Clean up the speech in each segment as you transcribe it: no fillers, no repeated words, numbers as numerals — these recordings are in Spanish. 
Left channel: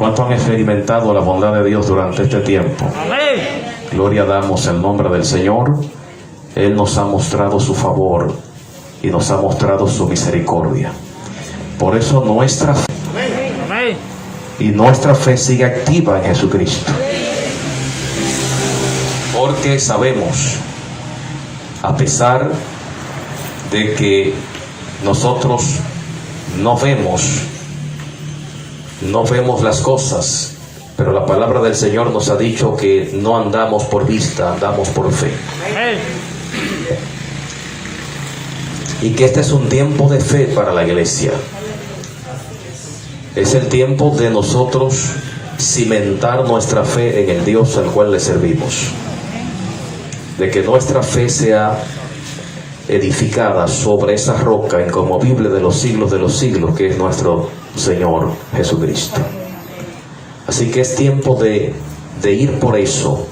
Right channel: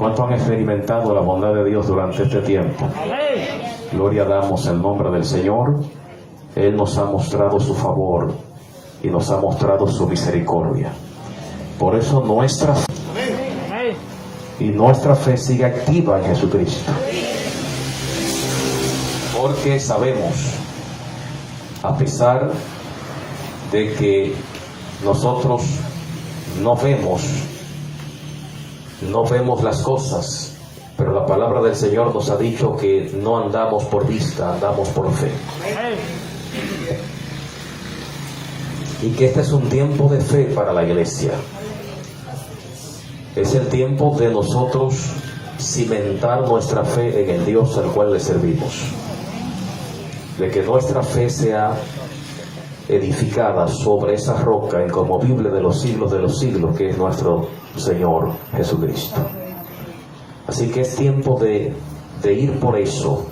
¿Cuántos han experimentado la bondad de Dios durante este tiempo? Amén. Gloria damos en nombre del Señor. Él nos ha mostrado su favor y nos ha mostrado su misericordia. Por eso nuestra fe Amén. y nuestra fe sigue activa en Jesucristo. Porque sabemos, a pesar de que nosotros no vemos las cosas, pero la palabra del Señor nos ha dicho que no andamos por vista, andamos por fe. Amén. Y que este es un tiempo de fe para la iglesia. Es el tiempo de nosotros cimentar nuestra fe en el Dios al cual le servimos. De que nuestra fe sea edificada sobre esa roca inconmovible de los siglos, que es nuestro Señor Jesucristo. Así que es tiempo de ir por eso,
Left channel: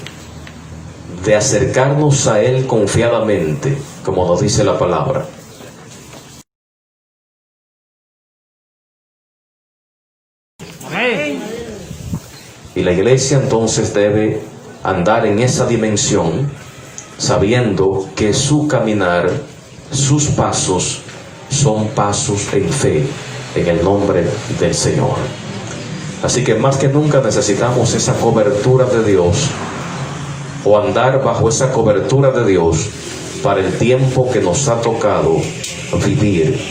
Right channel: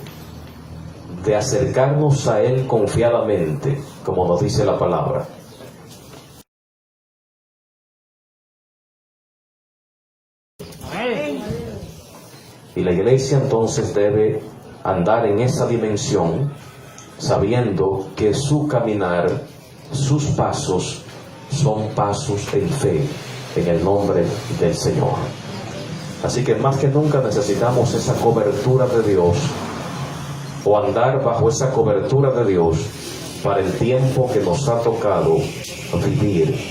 de acercarnos a Él confiadamente, como nos dice la palabra. Amén. Y la iglesia entonces debe andar en esa dimensión, sabiendo que su caminar, sus pasos, son pasos en fe, en el nombre del Señor. Así que más que nunca necesitamos esa cobertura de Dios, o andar bajo esa cobertura de Dios, para el tiempo que nos ha tocado vivir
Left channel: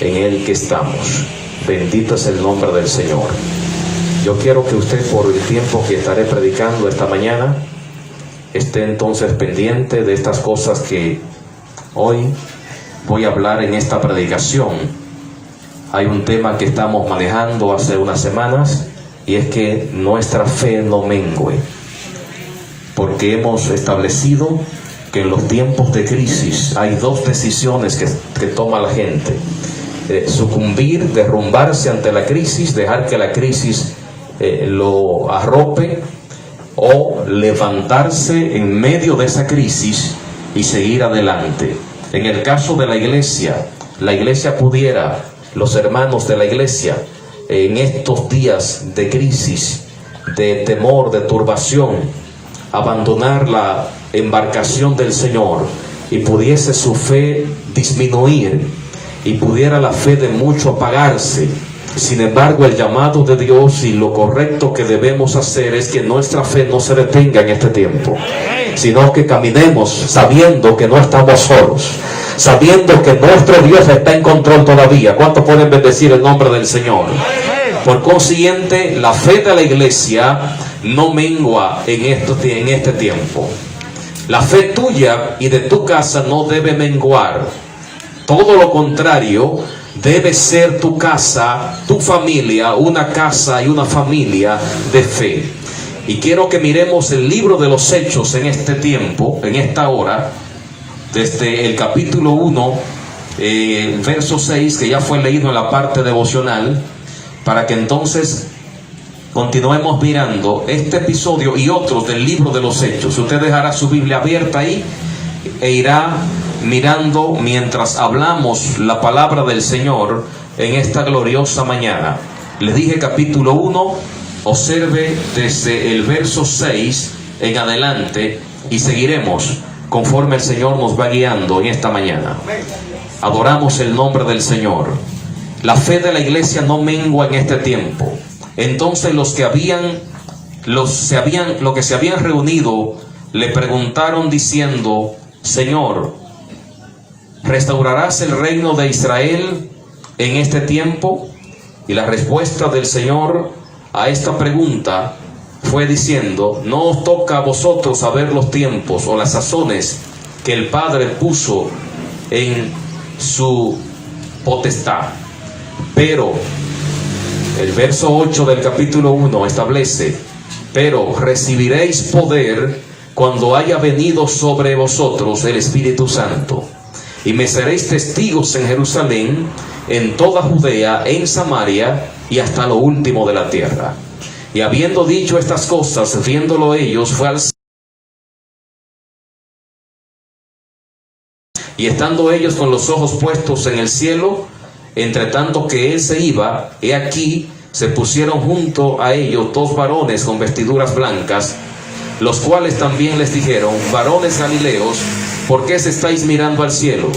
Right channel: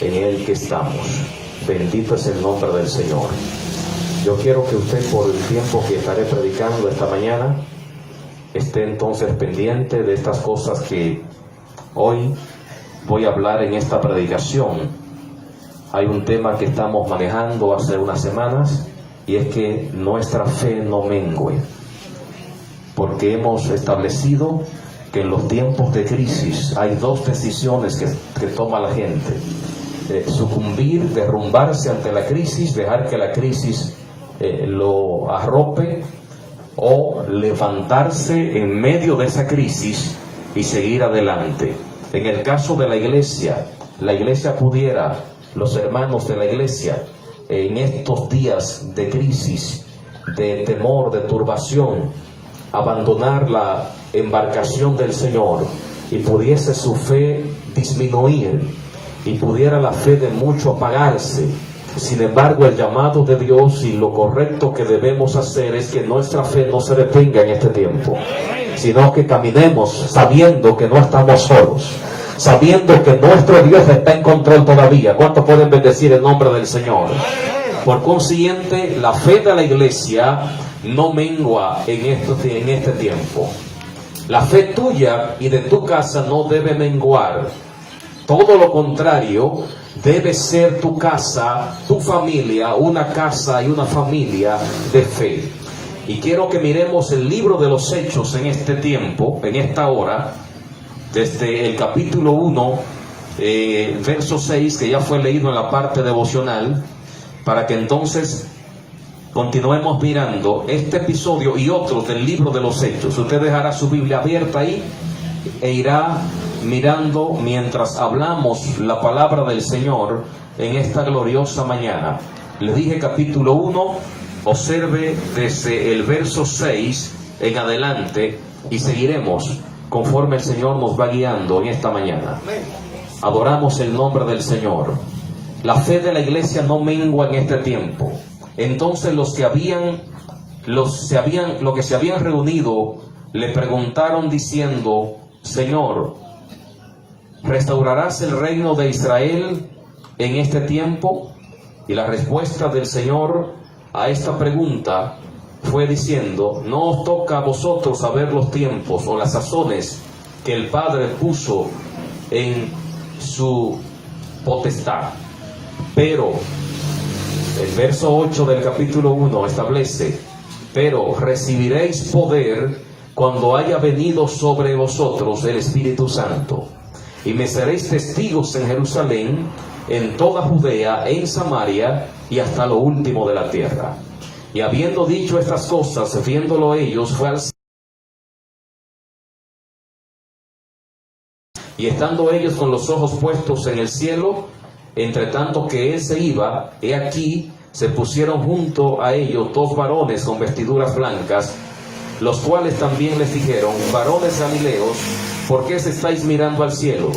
en el que estamos. Bendito es el nombre del Señor. Yo quiero que usted, por el tiempo que estaré predicando esta mañana, esté entonces pendiente de estas cosas que hoy voy a hablar en esta predicación. Hay un tema que estamos manejando hace unas semanas, y es que nuestra fe no mengue, porque hemos establecido que en los tiempos de crisis hay dos decisiones que toma la gente: sucumbir, derrumbarse ante la crisis, dejar que la crisis lo arrope, o levantarse en medio de esa crisis y seguir adelante. En el caso de la iglesia pudiera, los hermanos de la iglesia, en estos días de crisis, de temor, de turbación, abandonar la embarcación del Señor, y pudiese su fe disminuir, y pudiera la fe de mucho apagarse. Sin embargo, el llamado de Dios y lo correcto que debemos hacer es que nuestra fe no se detenga en este tiempo, sino que caminemos sabiendo que no estamos solos, sabiendo que nuestro Dios está en control todavía. ¿Cuántos pueden bendecir el nombre del Señor? Por consiguiente, la fe de la iglesia no mengua en este tiempo. La fe tuya y de tu casa no debe menguar. Todo lo contrario, debe ser tu casa, tu familia, una casa y una familia de fe. Y quiero que miremos el libro de los Hechos en este tiempo, en esta hora, desde el capítulo 1, verso 6, que ya fue leído en la parte devocional, para que entonces continuemos mirando este episodio y otros del libro de los Hechos. Usted dejará su Biblia abierta ahí e irá mirando mientras hablamos la palabra del Señor en esta gloriosa mañana. Les dije capítulo 1, observe desde el verso 6 en adelante y seguiremos conforme el Señor nos va guiando en esta mañana. Adoramos el nombre del Señor. La fe de la iglesia no mengua en este tiempo. Entonces los que se habían reunido le preguntaron diciendo: Señor, ¿restaurarás el reino de Israel en este tiempo? Y la respuesta del Señor a esta pregunta fue diciendo: no os toca a vosotros saber los tiempos o las sazones que el Padre puso en su potestad. Pero el verso 8 del capítulo 1 establece: pero recibiréis poder cuando haya venido sobre vosotros el Espíritu Santo, y me seréis testigos en Jerusalén, en toda Judea, en Samaria y hasta lo último de la tierra. Y habiendo dicho estas cosas, viéndolo ellos, fue al cielo. Y estando ellos con los ojos puestos en el cielo, entre tanto que él se iba, he aquí se pusieron junto a ellos 2 varones con vestiduras blancas, los cuales también les dijeron: varones galileos, ¿por qué se estáis mirando al cielo?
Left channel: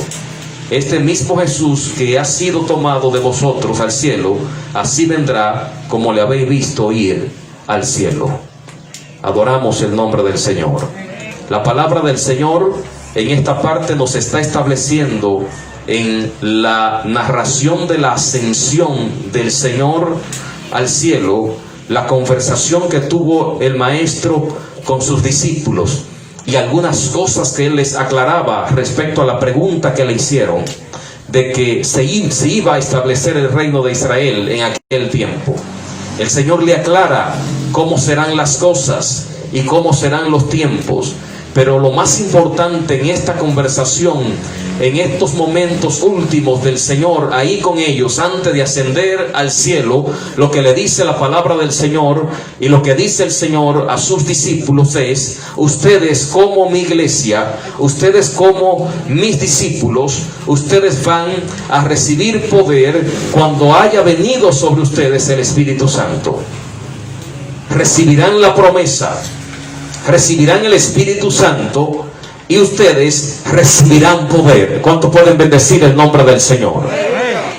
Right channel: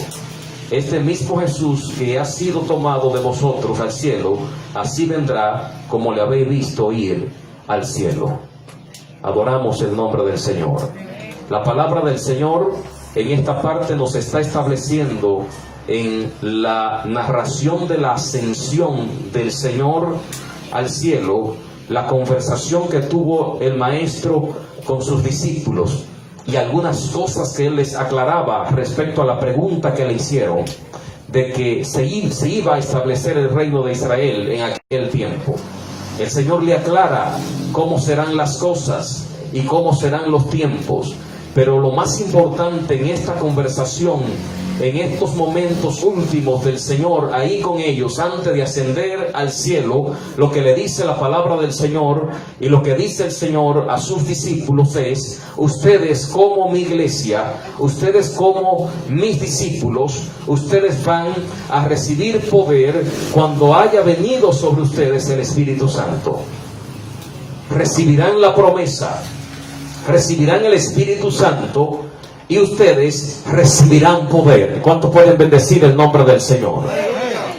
Este mismo Jesús que ha sido tomado de vosotros al cielo, así vendrá como le habéis visto ir al cielo. Adoramos el nombre del Señor. La palabra del Señor en esta parte nos está estableciendo en la narración de la ascensión del Señor al cielo, la conversación que tuvo el Maestro con sus discípulos y algunas cosas que Él les aclaraba respecto a la pregunta que le hicieron de que se iba a establecer el reino de Israel en aquel tiempo. El Señor le aclara cómo serán las cosas y cómo serán los tiempos. Pero lo más importante en esta conversación, en estos momentos últimos del Señor ahí con ellos antes de ascender al cielo, lo que le dice la palabra del Señor y lo que dice el Señor a sus discípulos es: ustedes como mi iglesia, ustedes como mis discípulos, ustedes van a recibir poder cuando haya venido sobre ustedes el Espíritu Santo. Recibirán la promesa, recibirán el Espíritu Santo y ustedes recibirán poder. ¿Cuánto pueden bendecir el nombre del Señor?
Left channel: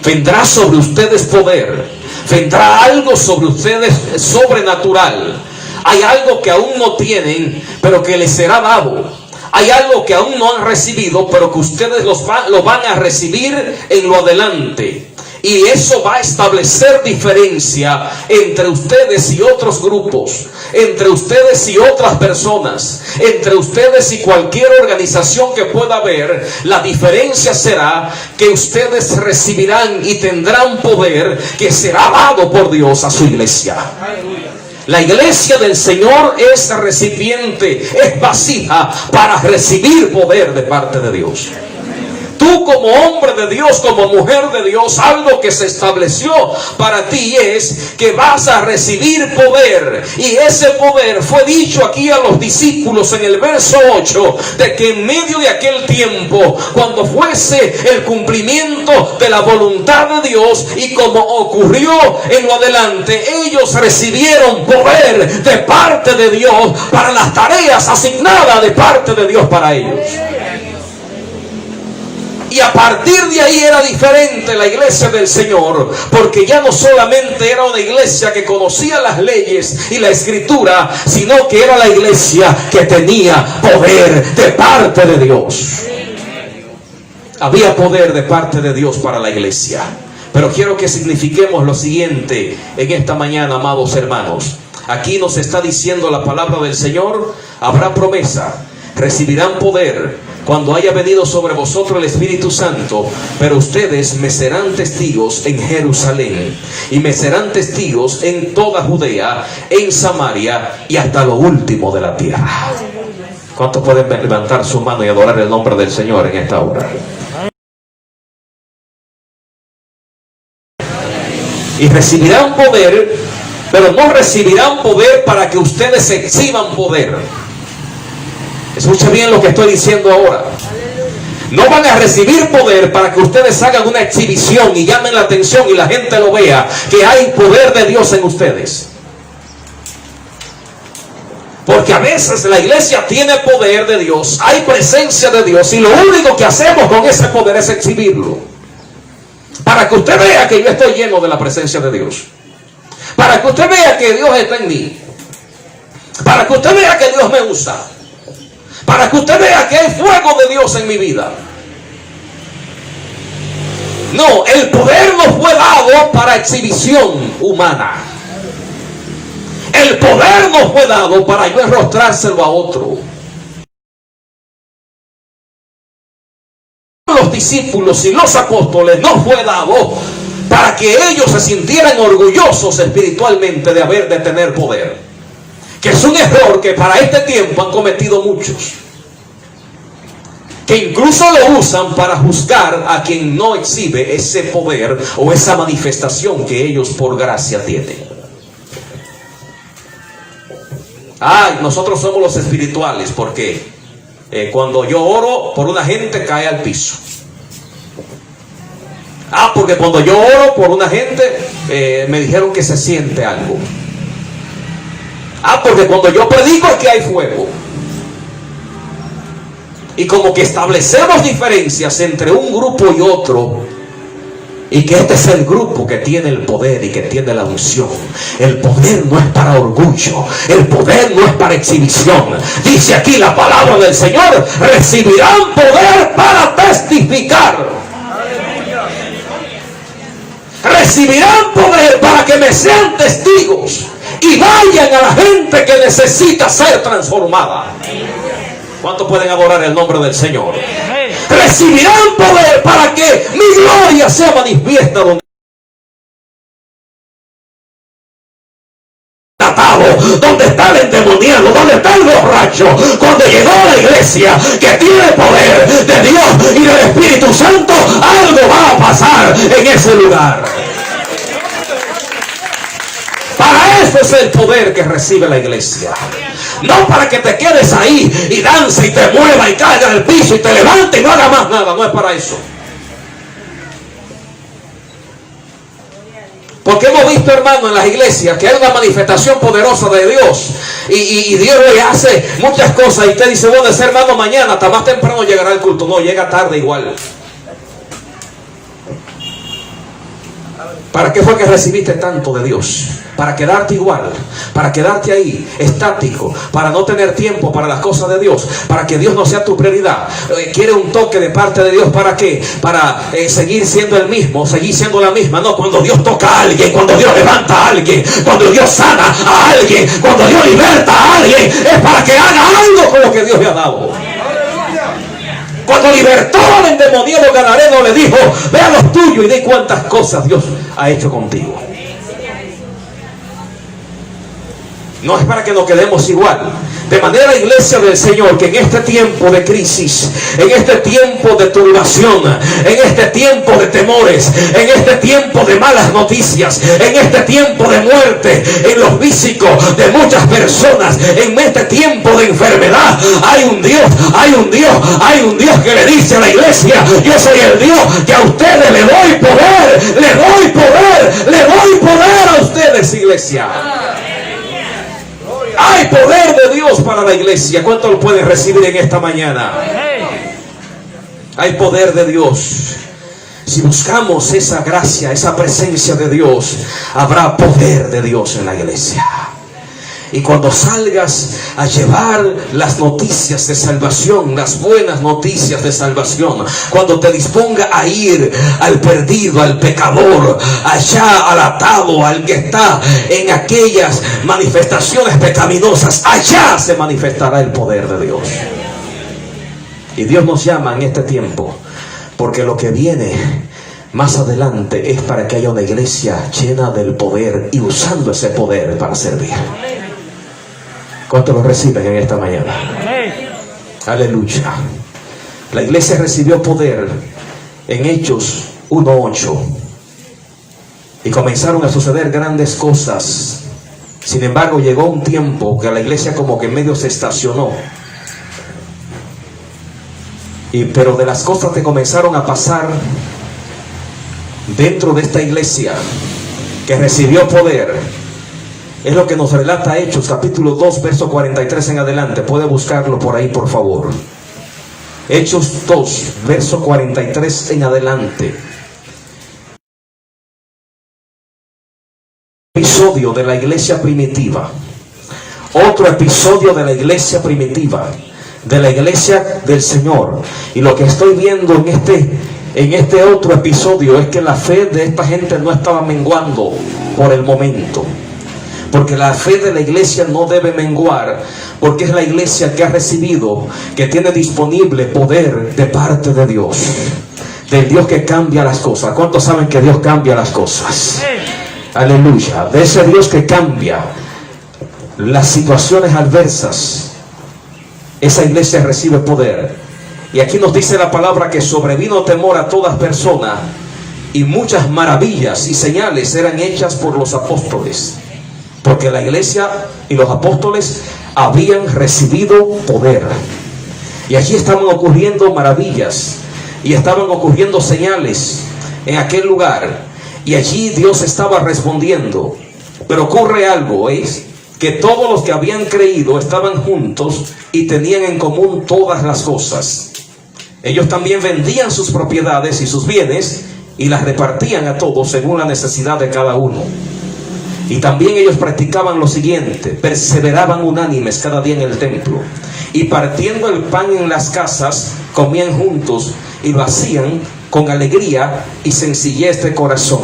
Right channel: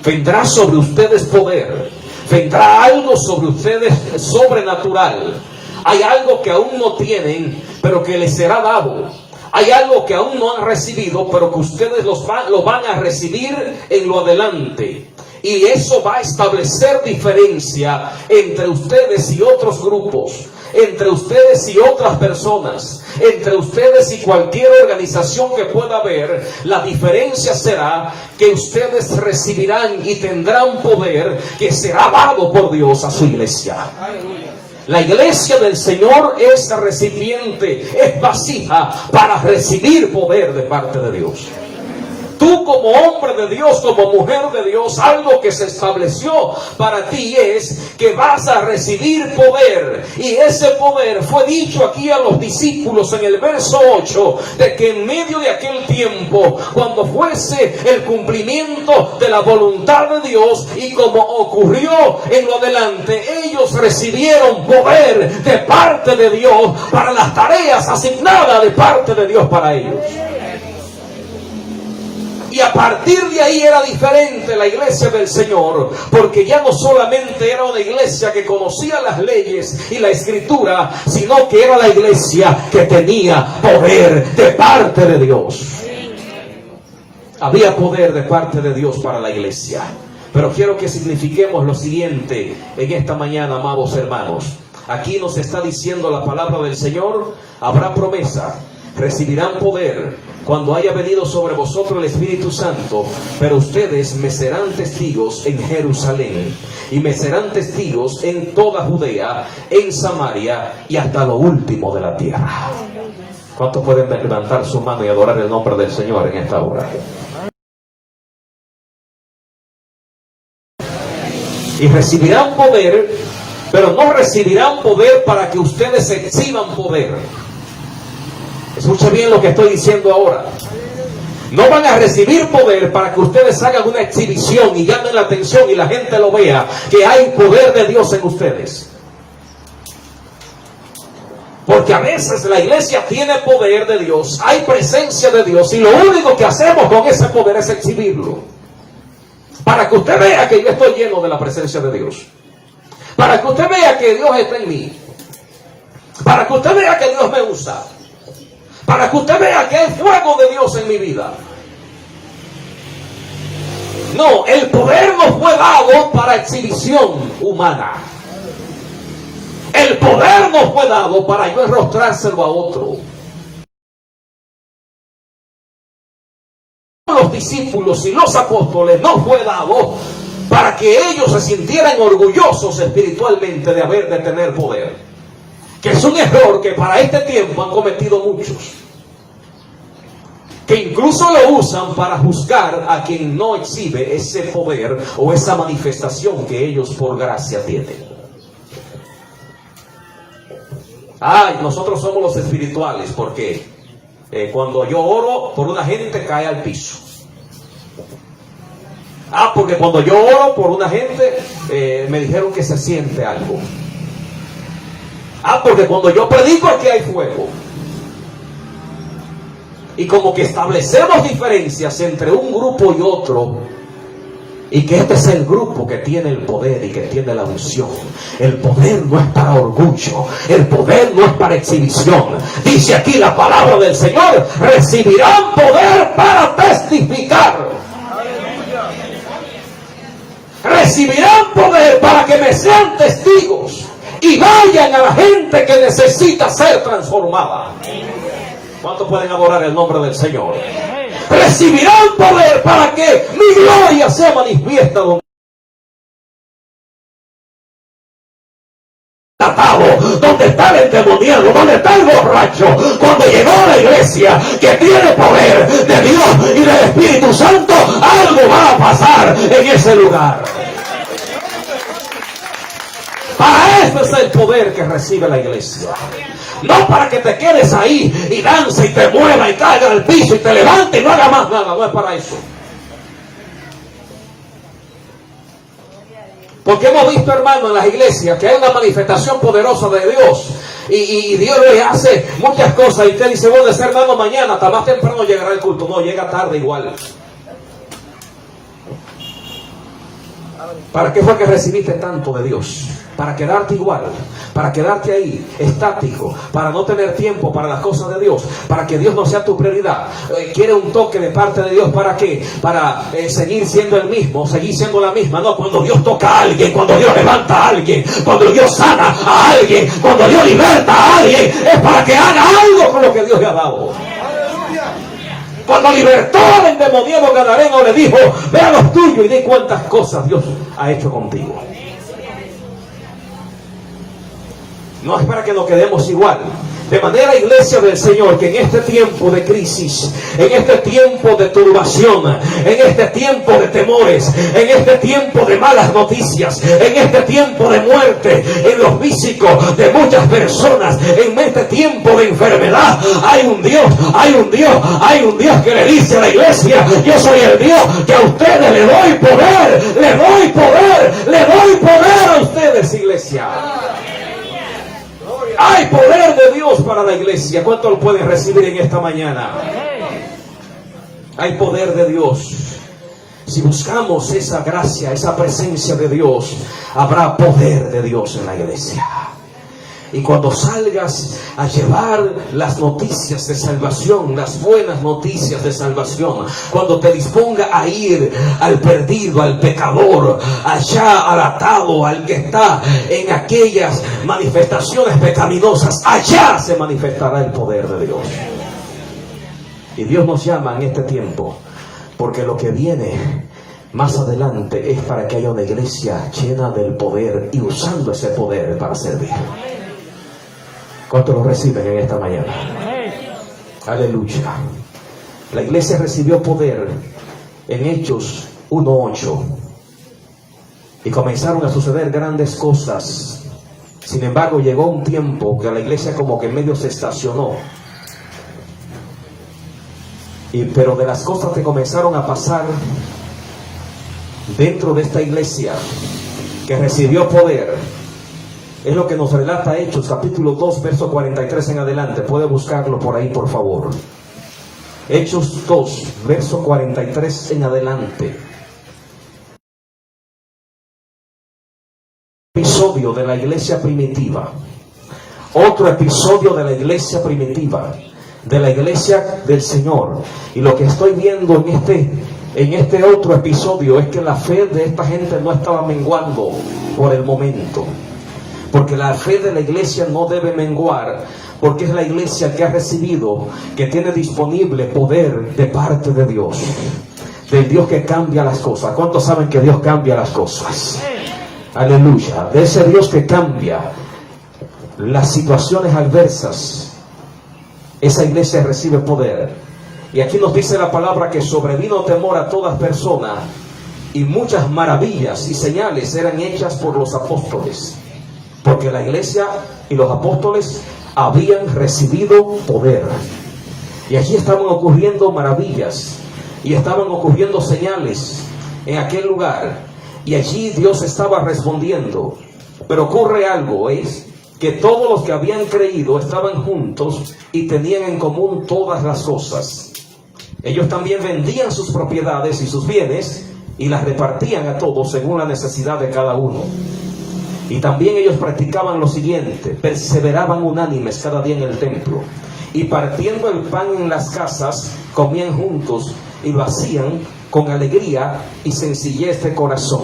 Vendrá sobre ustedes poder, vendrá algo sobre ustedes sobrenatural. Hay algo que aún no tienen, pero que les será dado. Hay algo que aún no han recibido, pero que ustedes lo van a recibir en lo adelante. Y eso va a establecer diferencia entre ustedes y otros grupos, entre ustedes y otras personas, entre ustedes y cualquier organización que pueda haber. La diferencia será que ustedes recibirán y tendrán poder que será dado por Dios a su iglesia. La iglesia del Señor es recipiente, es vasija para recibir poder de parte de Dios. Tú como hombre de Dios, como mujer de Dios, algo que se estableció para ti es que vas a recibir poder. Y ese poder fue dicho aquí a los discípulos en el verso 8, de que en medio de aquel tiempo, cuando fuese el cumplimiento de la voluntad de Dios y como ocurrió en lo adelante, ellos recibieron poder de parte de Dios para las tareas asignadas de parte de Dios para ellos. Y a partir de ahí era diferente la iglesia del Señor, porque ya no solamente era una iglesia que conocía las leyes y la escritura, sino que era la iglesia que tenía poder de parte de Dios. Había poder de parte de Dios para la iglesia. Pero quiero que signifiquemos lo siguiente en esta mañana, amados hermanos. Aquí nos está diciendo la palabra del Señor: habrá promesa, recibirán poder cuando haya venido sobre vosotros el Espíritu Santo, pero ustedes me serán testigos en Jerusalén, y me serán testigos en toda Judea, en Samaria y hasta lo último de la tierra. ¿Cuántos pueden levantar su mano y adorar el nombre del Señor en esta hora? Y recibirán poder, pero no recibirán poder para que ustedes exhiban poder. Escucha bien lo que estoy diciendo ahora. No van a recibir poder para que ustedes hagan una exhibición y llamen la atención y la gente lo vea, que hay poder de Dios en ustedes. Porque a veces la iglesia tiene poder de Dios, hay presencia de Dios, y lo único que hacemos con ese poder es exhibirlo. Para que usted vea que yo estoy lleno de la presencia de Dios. Para que usted vea que Dios está en mí. Para que usted vea que Dios me usa. Para que usted vea que hay fuego de Dios en mi vida. No, el poder no fue dado para exhibición humana. El poder no fue dado para yo enrostrárselo a otro. Los discípulos y los apóstoles no fue dado para que ellos se sintieran orgullosos espiritualmente de tener poder. Que es un error que para este tiempo han cometido muchos, que incluso lo usan para juzgar a quien no exhibe ese poder o esa manifestación que ellos por gracia tienen. Nosotros somos los espirituales porque cuando yo oro por una gente cae al piso. Porque porque cuando yo oro por una gente, me dijeron que se siente algo. Porque cuando yo predico es que hay fuego. Y como que establecemos diferencias entre un grupo y otro, y que este es el grupo que tiene el poder y que tiene la unción. El poder no es para orgullo, el poder no es para exhibición. Dice aquí la palabra del Señor: recibirán poder para testificar. Recibirán poder para que me sean testigos y vayan a la gente que necesita ser transformada. ¿Cuántos pueden adorar el nombre del Señor? Recibirán poder para que mi gloria sea manifiesta donde está el endemoniado, donde está el borracho. Cuando llegó a la iglesia que tiene poder de Dios y del Espíritu Santo, algo va a pasar en ese lugar. Para eso es el poder que recibe la iglesia. No para que te quedes ahí y dance y te mueva y caiga al piso y te levante y no haga más nada. No es para eso. Porque hemos visto, hermano, en las iglesias que hay una manifestación poderosa de Dios y Dios le hace muchas cosas y usted dice: bueno, ese hermano mañana hasta más temprano llegará al culto. No, llega tarde igual. ¿Para qué fue que recibiste tanto de Dios? Para quedarte igual, para quedarte ahí, estático, para no tener tiempo para las cosas de Dios, para que Dios no sea tu prioridad. Quiere un toque de parte de Dios. ¿Para qué? Para seguir siendo el mismo, seguir siendo la misma. No, cuando Dios toca a alguien, cuando Dios levanta a alguien, cuando Dios sana a alguien, cuando Dios liberta a alguien, es para que haga algo con lo que Dios le ha dado. Cuando libertó al endemoniado gadareno, le dijo: ve a los tuyos y di cuántas cosas Dios ha hecho contigo. No es para que nos quedemos igual. De manera, iglesia del Señor, que en este tiempo de crisis, en este tiempo de turbación, en este tiempo de temores, en este tiempo de malas noticias, en este tiempo de muerte en los físicos de muchas personas, en este tiempo de enfermedad, hay un Dios, hay un Dios, hay un Dios que le dice a la iglesia: yo soy el Dios que a ustedes le doy poder, le doy poder, le doy poder a ustedes, iglesia. Hay poder de Dios para la iglesia. ¿Cuánto lo pueden recibir en esta mañana? Hay poder de Dios. Si buscamos esa gracia, esa presencia de Dios, habrá poder de Dios en la iglesia. Y cuando salgas a llevar las noticias de salvación, las buenas noticias de salvación, cuando te disponga a ir al perdido, al pecador, allá al atado, al que está en aquellas manifestaciones pecaminosas, allá se manifestará el poder de Dios. Y Dios nos llama en este tiempo, porque lo que viene más adelante es para que haya una iglesia llena del poder y usando ese poder para servir. ¿Cuántos lo reciben en esta mañana? Aleluya. La iglesia recibió poder en Hechos 1:8 y comenzaron a suceder grandes cosas. Sin embargo, llegó un tiempo que la iglesia como que medio se estacionó. Pero de las cosas que comenzaron a pasar dentro de esta iglesia que recibió poder, es lo que nos relata Hechos capítulo 2 verso 43 en adelante. Puede buscarlo por ahí, por favor. Hechos 2 verso 43 en adelante. Episodio de la iglesia primitiva. Otro episodio de la iglesia primitiva, de la iglesia del Señor. Y lo que estoy viendo en este otro episodio es que la fe de esta gente no estaba menguando por el momento. Porque la fe de la iglesia no debe menguar, porque es la iglesia que ha recibido, que tiene disponible poder de parte de Dios, del Dios que cambia las cosas. ¿Cuántos saben que Dios cambia las cosas? Aleluya. De ese Dios que cambia las situaciones adversas, esa iglesia recibe poder. Y aquí nos dice la palabra que sobrevino temor a todas personas, y muchas maravillas y señales eran hechas por los apóstoles. Porque la iglesia y los apóstoles habían recibido poder. Y aquí estaban ocurriendo maravillas. Y estaban ocurriendo señales. en aquel lugar, y allí Dios estaba respondiendo. Pero ocurre algo, es que todos los que habían creído estaban juntos y tenían en común todas las cosas. Ellos también vendían sus propiedades y sus bienes y las repartían a todos según la necesidad de cada uno. Y también ellos practicaban lo siguiente: perseveraban unánimes cada día en el templo, y partiendo el pan en las casas, comían juntos y lo hacían con alegría y sencillez de corazón,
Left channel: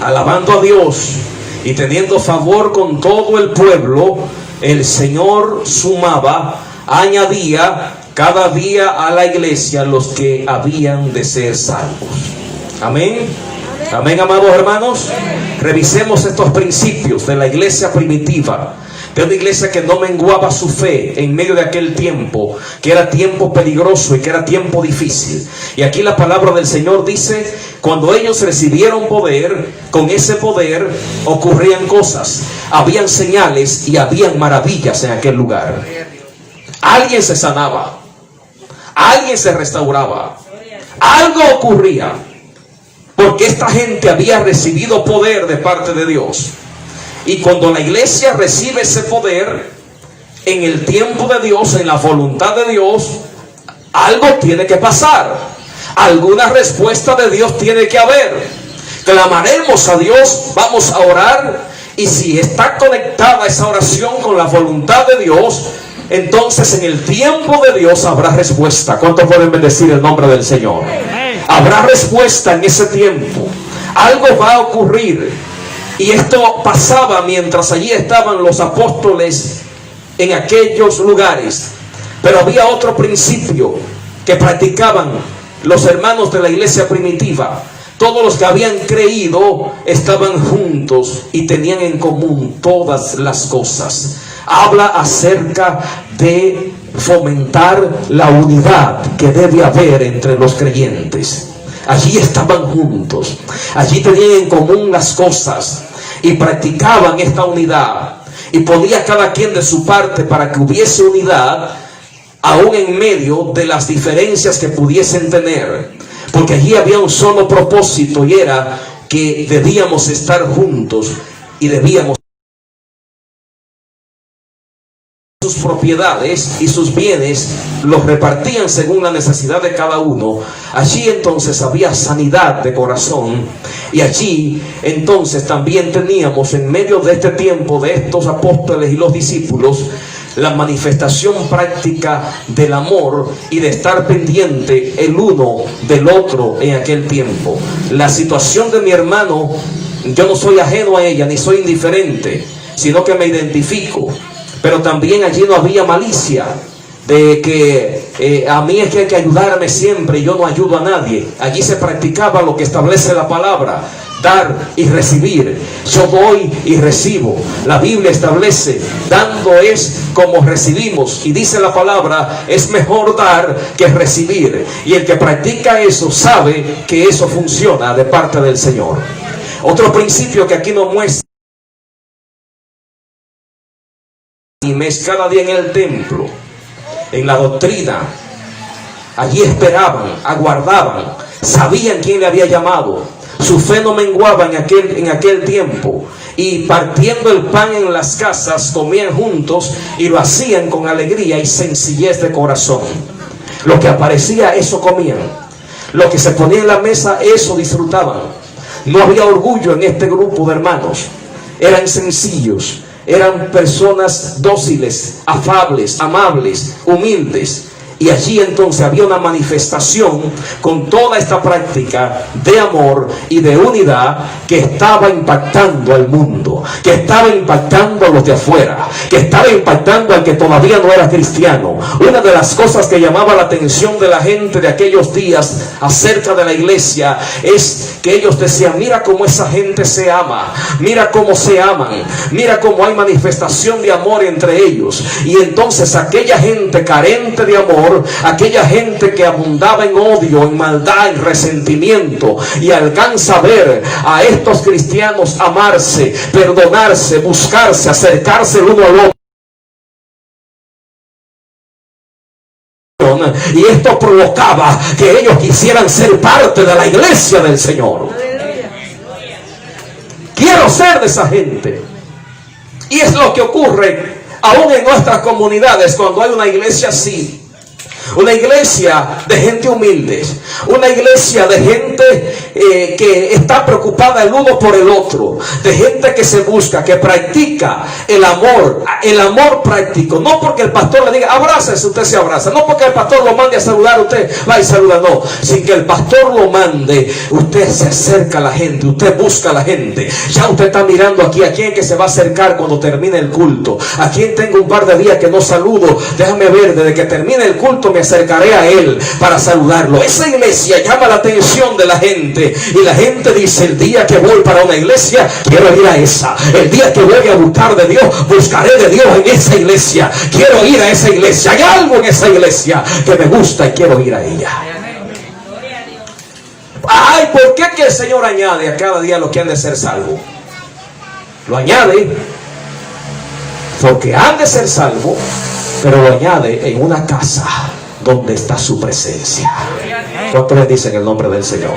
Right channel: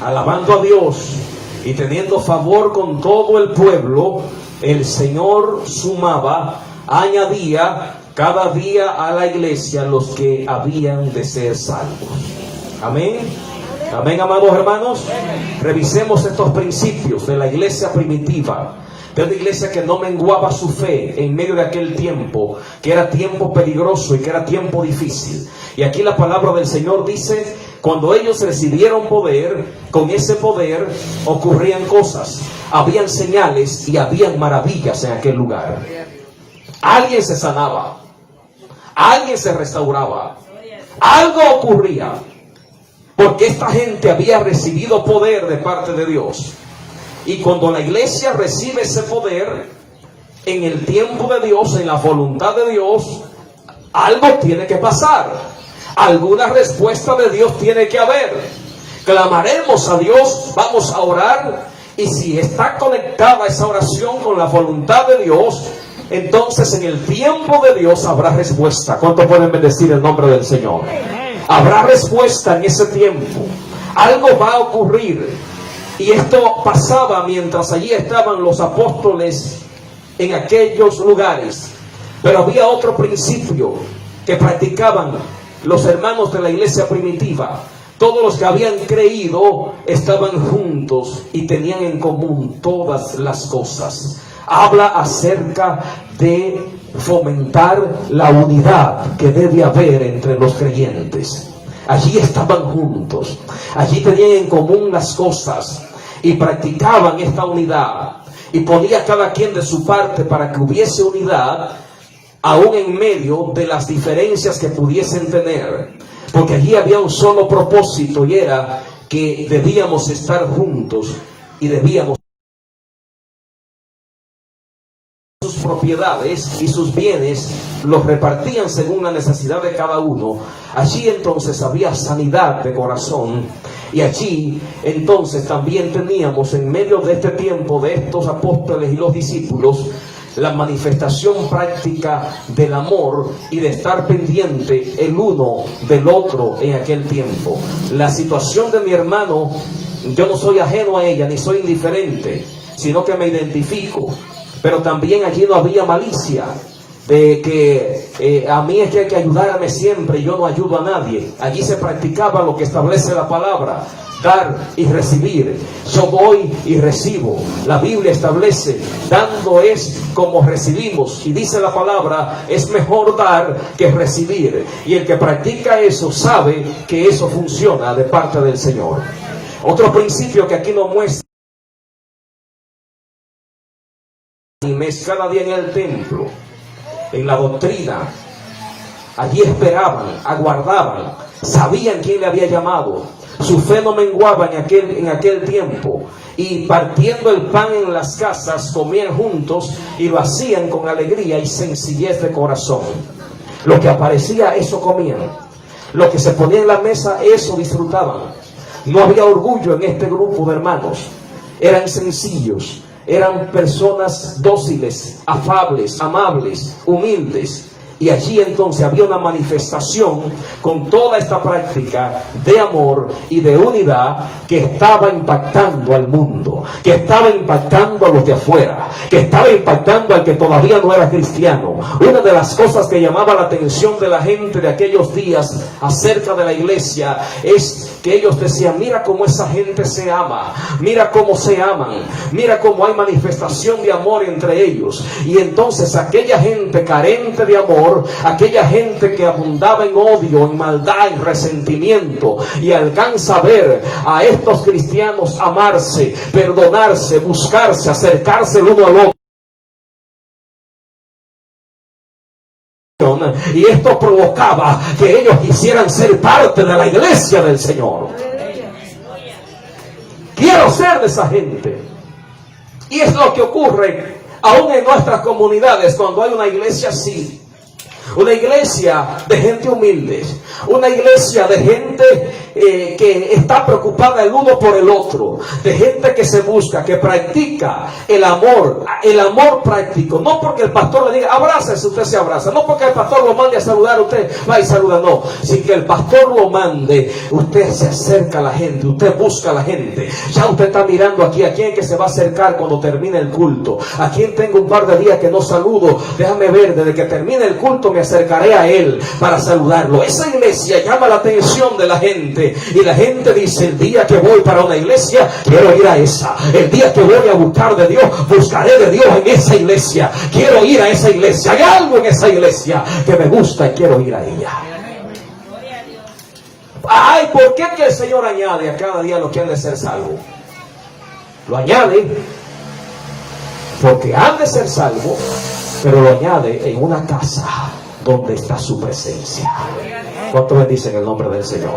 alabando a Dios y teniendo favor con todo el pueblo. El Señor sumaba, añadía cada día a la iglesia los que habían de ser salvos. Amén. Amén, amados hermanos. Revisemos estos principios de la iglesia primitiva, de una iglesia que no menguaba su fe en medio de aquel tiempo, que era tiempo peligroso y que era tiempo difícil. Y aquí la palabra del Señor dice: cuando ellos recibieron poder, con ese poder ocurrían cosas, habían señales y habían maravillas en aquel lugar. Alguien se sanaba, alguien se restauraba, algo ocurría, porque esta gente había recibido poder de parte de Dios. Y cuando la iglesia recibe ese poder, en el tiempo de Dios, en la voluntad de Dios, algo tiene que pasar. Alguna respuesta de Dios tiene que haber. Clamaremos a Dios, vamos a orar, y si está conectada esa oración con la voluntad de Dios, entonces en el tiempo de Dios habrá respuesta. ¿Cuántos pueden bendecir el nombre del Señor? Habrá respuesta en ese tiempo. Algo va a ocurrir. Y esto pasaba mientras allí estaban los apóstoles en aquellos lugares. Pero había otro principio que practicaban los hermanos de la iglesia primitiva. Todos los que habían creído estaban juntos y tenían en común todas las cosas. Habla acerca de fomentar la unidad que debe haber entre los creyentes. Allí estaban juntos, allí tenían en común las cosas y practicaban esta unidad, y ponía cada quien de su parte para que hubiese unidad, aún en medio de las diferencias que pudiesen tener, porque allí había un solo propósito, y era que debíamos estar juntos y debíamos sus propiedades y sus bienes los repartían según la necesidad de cada uno. Allí entonces había sanidad de corazón, y allí entonces también teníamos, en medio de este tiempo de estos apóstoles y los discípulos, la manifestación práctica del amor y de estar pendiente el uno del otro en aquel tiempo. La situación de mi hermano, yo no soy ajeno a ella ni soy indiferente, sino que me identifico. Pero también allí no había malicia de que a mí es que hay que ayudarme siempre y yo no ayudo a nadie. Allí se practicaba lo que establece la palabra: dar y recibir. Yo doy y recibo. La Biblia establece: dando es como recibimos, y dice la palabra: es mejor dar que recibir. Y el que practica eso sabe que eso funciona de parte del Señor. Otro principio que aquí nos muestra: y cada día en el templo, en la doctrina. Allí esperaban, aguardaban, sabían quién le había llamado. Su fe no menguaba en aquel tiempo. Y partiendo el pan en las casas, comían juntos y lo hacían con alegría y sencillez de corazón. Lo que aparecía, eso comían. Lo que se ponía en la mesa, eso disfrutaban. No había orgullo en este grupo de hermanos. Eran sencillos. Eran personas dóciles, afables, amables, humildes. Y allí entonces había una manifestación con toda esta práctica de amor y de unidad que estaba impactando al mundo, que estaba impactando a los de afuera, que estaba impactando al que todavía no era cristiano. Una de las cosas que llamaba la atención de la gente de aquellos días acerca de la iglesia es que ellos decían: mira cómo esa gente se ama, mira cómo se aman, mira cómo hay manifestación de amor entre ellos. Y entonces aquella gente carente de amor, aquella gente que abundaba en odio, en maldad, en resentimiento, y alcanza a ver a estos cristianos amarse, perdonarse, buscarse, acercarse el uno al otro, adoración, y esto provocaba que ellos quisieran ser parte de la iglesia del Señor. Quiero ser de esa gente. Y es lo que ocurre aún en nuestras comunidades cuando hay una iglesia así. Una iglesia de gente humilde, una iglesia de gente que está preocupada el uno por el otro, de gente que se busca, que practica el amor práctico. No porque el pastor le diga abrázese, usted se abraza, no porque el pastor lo mande a saludar, usted va y saluda, no, sin que el pastor lo mande, usted se acerca a la gente, usted busca a la gente. Ya usted está mirando aquí a quién que se va a acercar cuando termine el culto, a quien tengo un par de días que no saludo, déjame ver, desde que termine el culto me acercaré a él para saludarlo. Esa iglesia llama la atención de la gente, y la gente dice: el día que voy para una iglesia, quiero ir a esa. El día que voy a buscar de Dios, buscaré de Dios en esa iglesia. Quiero ir a esa iglesia. Hay algo en esa iglesia que me gusta y quiero ir a ella. Ay, ¿por qué que el Señor añade a cada día los que han de ser salvos? Lo añade porque han de ser salvos, pero lo añade en una casa donde está su presencia. ¿Cuántos le dicen el nombre del Señor?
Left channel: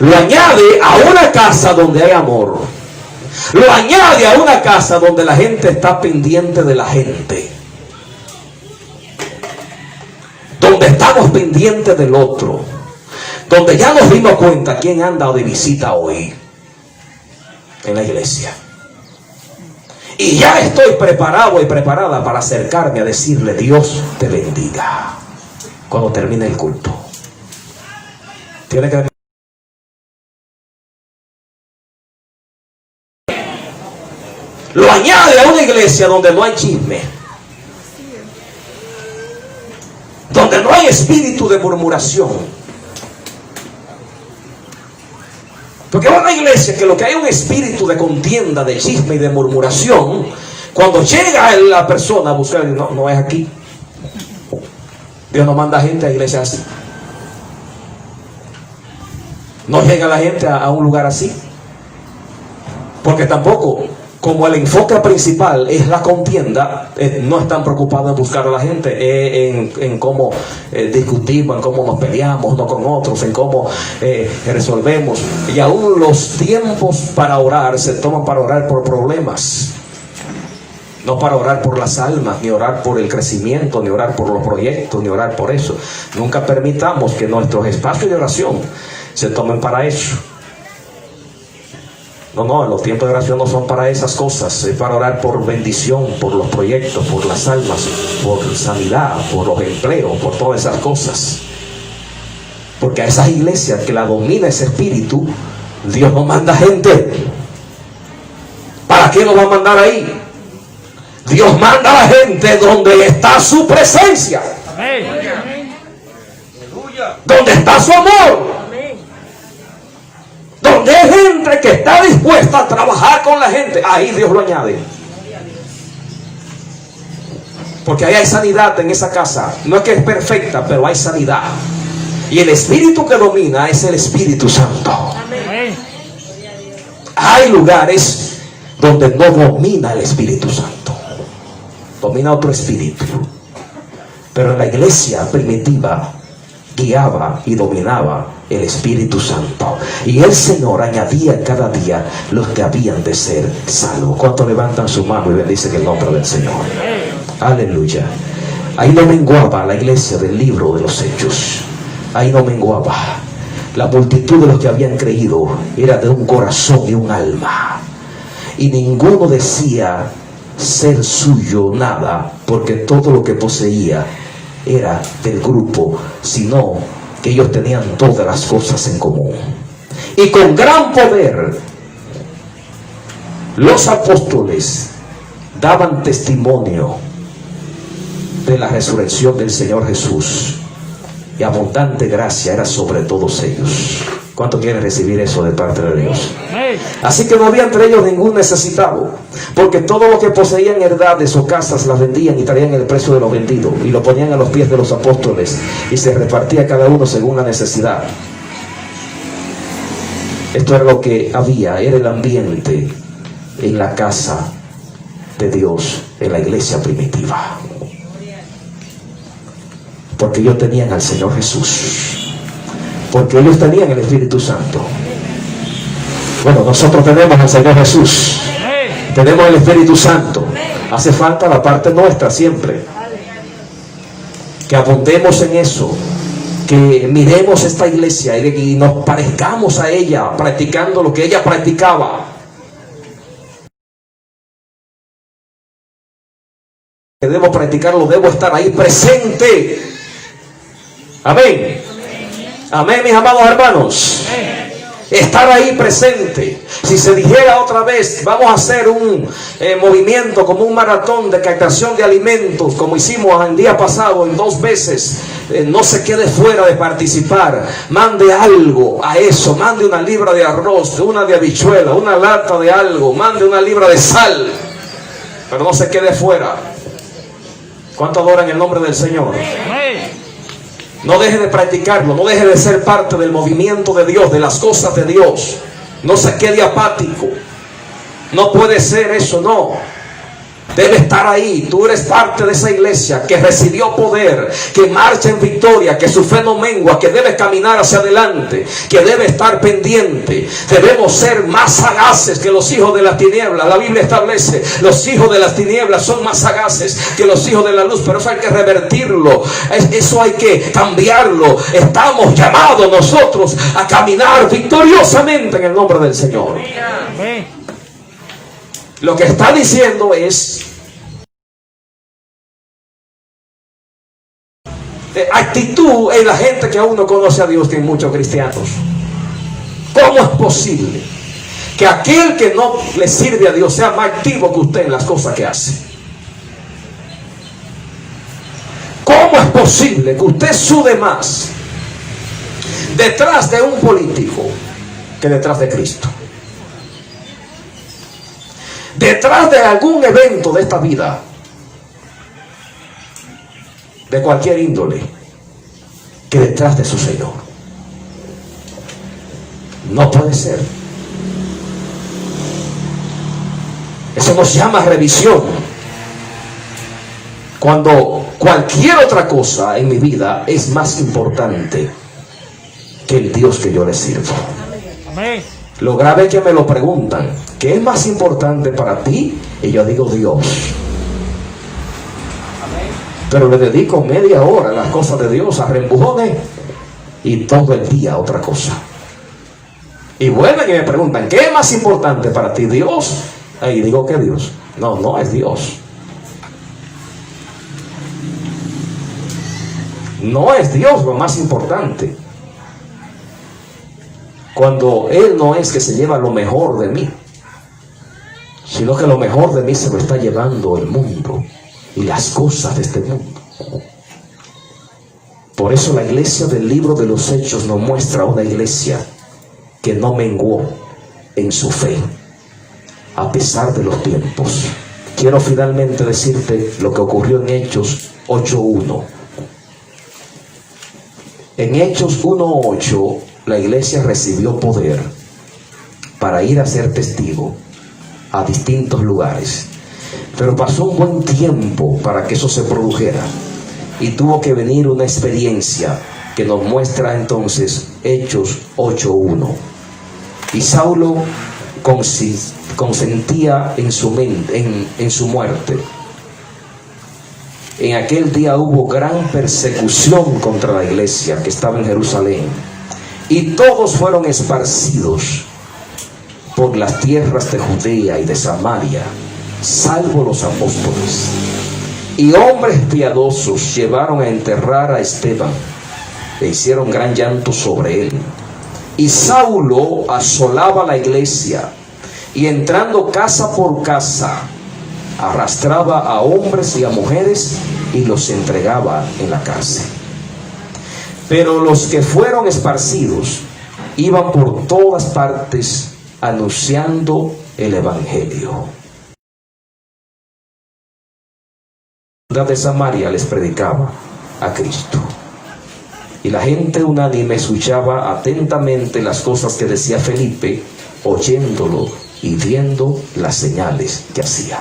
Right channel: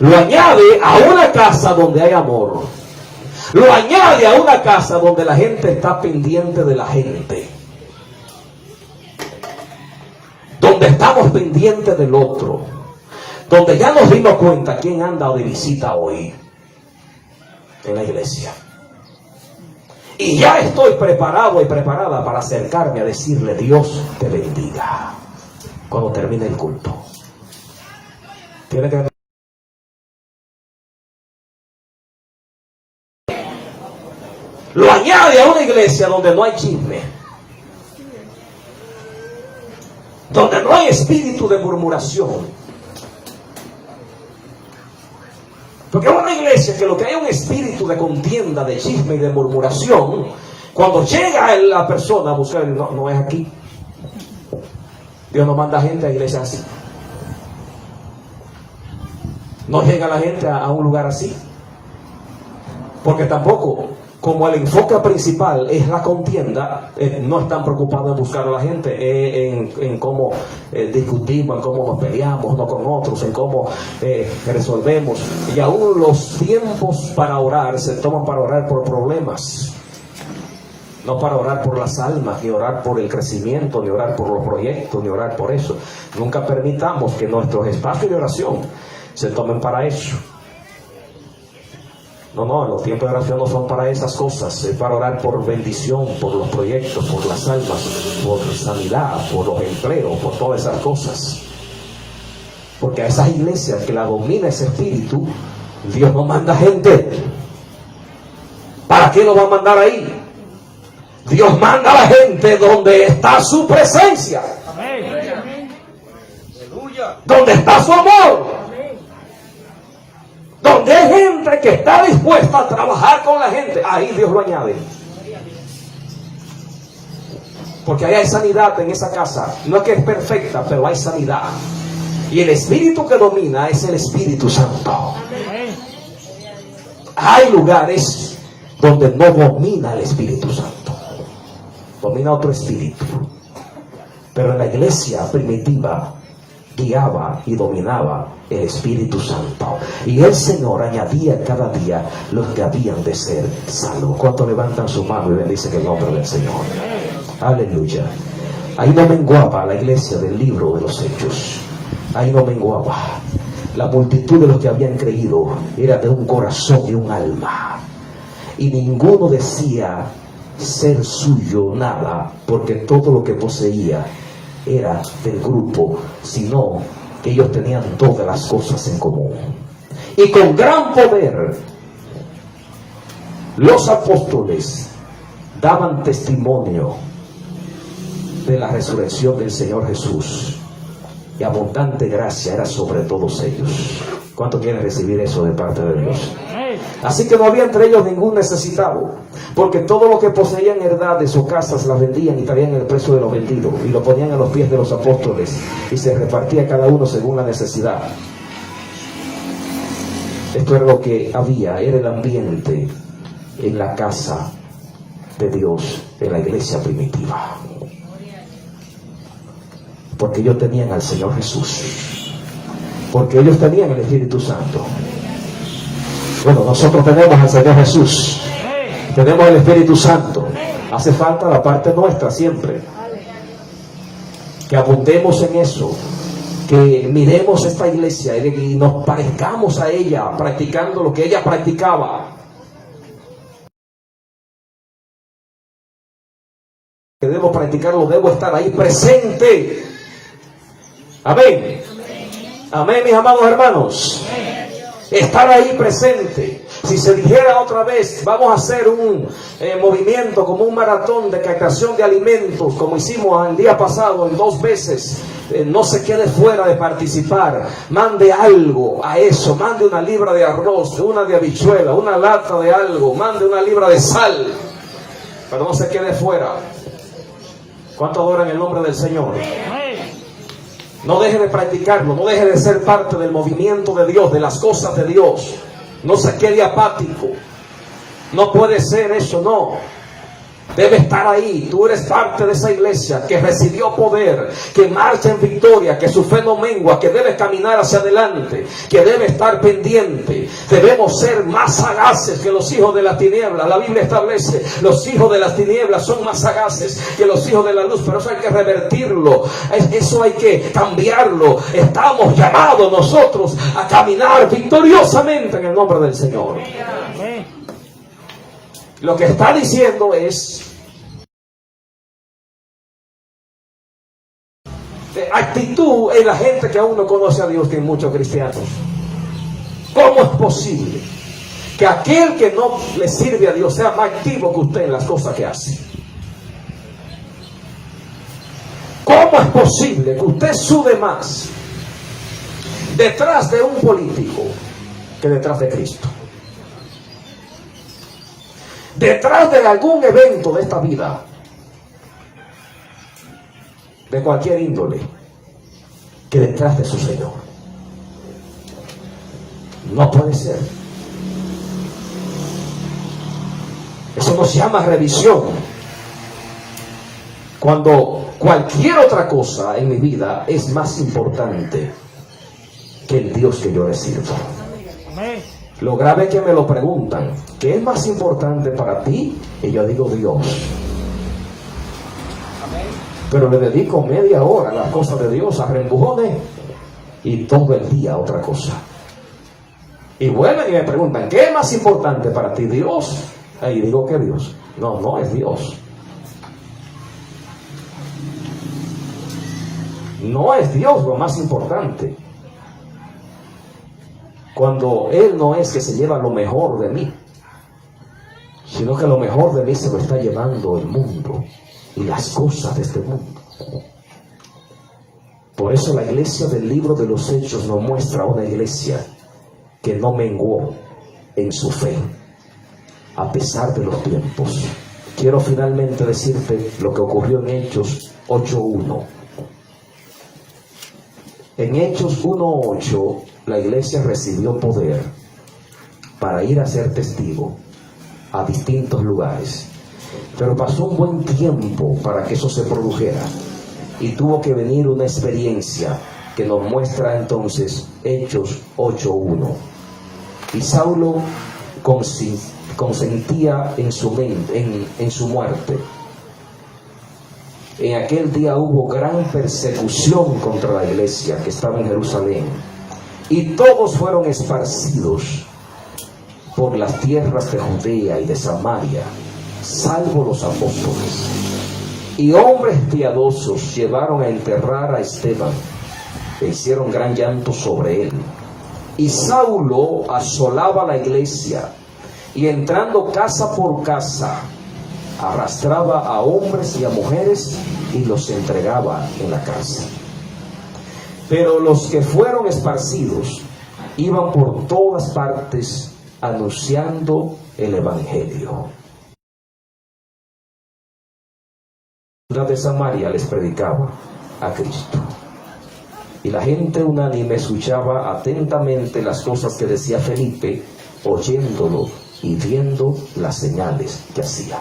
Lo añade a una casa donde hay amor. Lo añade a una casa donde la gente está pendiente de la gente, donde estamos pendientes del otro, donde ya nos dimos cuenta quién anda de visita hoy en la iglesia. Y ya estoy preparado y preparada para acercarme a decirle: Dios te bendiga, cuando termine el culto. Tiene que lo añade a una iglesia donde no hay chisme, donde no hay espíritu de murmuración. Porque es una iglesia que lo que hay un espíritu de contienda, de chisme y de murmuración. Cuando llega la persona a buscar, no es aquí. Dios no manda gente a iglesias así. No llega la gente a un lugar así. Porque tampoco, como el enfoque principal es la contienda, no están preocupados en buscar a la gente, en cómo discutimos, en cómo nos peleamos unos con otros, en cómo resolvemos. Y aún los tiempos para orar se toman para orar por problemas, no para orar por las almas, ni orar por el crecimiento, ni orar por los proyectos, ni orar por eso. Nunca permitamos que nuestros espacios de oración se tomen para eso. No, los tiempos de oración no son para esas cosas. Es para orar por bendición, por los proyectos, por las almas, por sanidad, por los empleos, por todas esas cosas. Porque a esas iglesias que la domina ese espíritu, Dios no manda gente. ¿Para qué lo va a mandar ahí? Dios manda a la gente donde está su presencia, donde está su amor, donde hay gente que está dispuesta a trabajar con la gente. Ahí Dios lo añade, porque ahí hay sanidad en esa casa. No es que es perfecta, pero hay sanidad, y el espíritu que domina es el Espíritu Santo. Hay lugares donde no domina el Espíritu Santo, domina otro espíritu. Pero en la iglesia primitiva guiaba y dominaba el Espíritu Santo, y el Señor añadía cada día los que habían de ser salvos. ¿Cuántos levantan su mano y bendicen el nombre del Señor? Aleluya. Ahí no menguaba la iglesia del libro de los Hechos. Ahí no menguaba. La multitud de los que habían creído era de un corazón y un alma, y ninguno decía ser suyo nada, porque todo lo que poseía era del grupo, sino que ellos tenían todas las cosas en común. Y con gran poder los apóstoles daban testimonio de la resurrección del Señor Jesús, y abundante gracia era sobre todos ellos. ¿Cuánto quieren recibir eso de parte de Dios? Así que no había entre ellos ningún necesitado, porque todo lo que poseían heredades o casas las vendían y traían el precio de lo vendido y lo ponían a los pies de los apóstoles, y se repartía cada uno según la necesidad. Esto era lo que había, era el ambiente en la casa de Dios, en la iglesia primitiva. Porque ellos tenían al Señor Jesús. Porque ellos tenían el Espíritu Santo. Bueno, nosotros tenemos al Señor Jesús. Tenemos el Espíritu Santo. Hace falta la parte nuestra siempre. Que abundemos en eso. Que miremos esta iglesia y nos parezcamos a ella, practicando lo que ella practicaba. Que debo practicarlo, debo estar ahí presente. Amén. Amén, mis amados hermanos. Estar ahí presente. Si se dijera otra vez, vamos a hacer un movimiento como un maratón de captación de alimentos, como hicimos el día pasado en 2 veces, no se quede fuera de participar. Mande algo a eso. Mande una libra de arroz, una de habichuela, una lata de algo. Mande una libra de sal. Pero no se quede fuera. ¿Cuánto adoran el nombre del Señor? No deje de practicarlo, no deje de ser parte del movimiento de Dios, de las cosas de Dios. No se quede apático. No puede ser eso, no. Debe estar ahí. Tú eres parte de esa iglesia que recibió poder, que marcha en victoria, que su fe no mengua, que debe caminar hacia adelante, que debe estar pendiente. Debemos ser más sagaces que los hijos de las tinieblas. La Biblia establece, los hijos de las tinieblas son más sagaces que los hijos de la luz, pero eso hay que revertirlo, eso hay que cambiarlo. Estamos llamados nosotros a caminar victoriosamente en el nombre del Señor. Lo que está diciendo es actitud en la gente que aún no conoce a Dios, que hay muchos cristianos. ¿Cómo es posible que aquel que no le sirve a Dios sea más activo que usted en las cosas que hace? ¿Cómo es posible que usted sude más detrás de un político que detrás de Cristo? Detrás de algún evento de esta vida, de cualquier índole, que detrás de su Señor. No puede ser. Eso nos llama revisión. Cuando cualquier otra cosa en mi vida es más importante que el Dios que yo le sirvo. Amén. Lo grave es que me lo preguntan, ¿qué es más importante para ti? Y yo digo Dios. Amén. Pero le dedico media hora a las cosas de Dios, a reempujones, y todo el día a otra cosa. Y vuelven y me preguntan, ¿qué es más importante para ti? Dios. Y digo que Dios. No, no es Dios. No es Dios lo más importante. Cuando Él no es que se lleva lo mejor de mí, sino que lo mejor de mí se lo está llevando el mundo y las cosas de este mundo. Por eso la iglesia del libro de los Hechos nos muestra una iglesia que no menguó en su fe a pesar de los tiempos. Quiero finalmente decirte lo que ocurrió en Hechos 8:1. En Hechos 1:8 la iglesia recibió poder para ir a ser testigo a distintos lugares, pero pasó un buen tiempo para que eso se produjera y tuvo que venir una experiencia que nos muestra entonces Hechos 8:1. Y Saulo consentía en su mente, en su muerte. En aquel día hubo gran persecución contra la iglesia que estaba en Jerusalén, y todos fueron esparcidos por las tierras de Judea y de Samaria, salvo los apóstoles. Y hombres piadosos llevaron a enterrar a Esteban, e hicieron gran llanto sobre él. Y Saulo asolaba la iglesia, y entrando casa por casa, arrastraba a hombres y a mujeres y los entregaba en la cárcel. Pero los que fueron esparcidos iban por todas partes anunciando el evangelio. La ciudad de Samaria les predicaba a Cristo, y la gente unánime escuchaba atentamente las cosas que decía Felipe, oyéndolo y viendo las señales que hacía.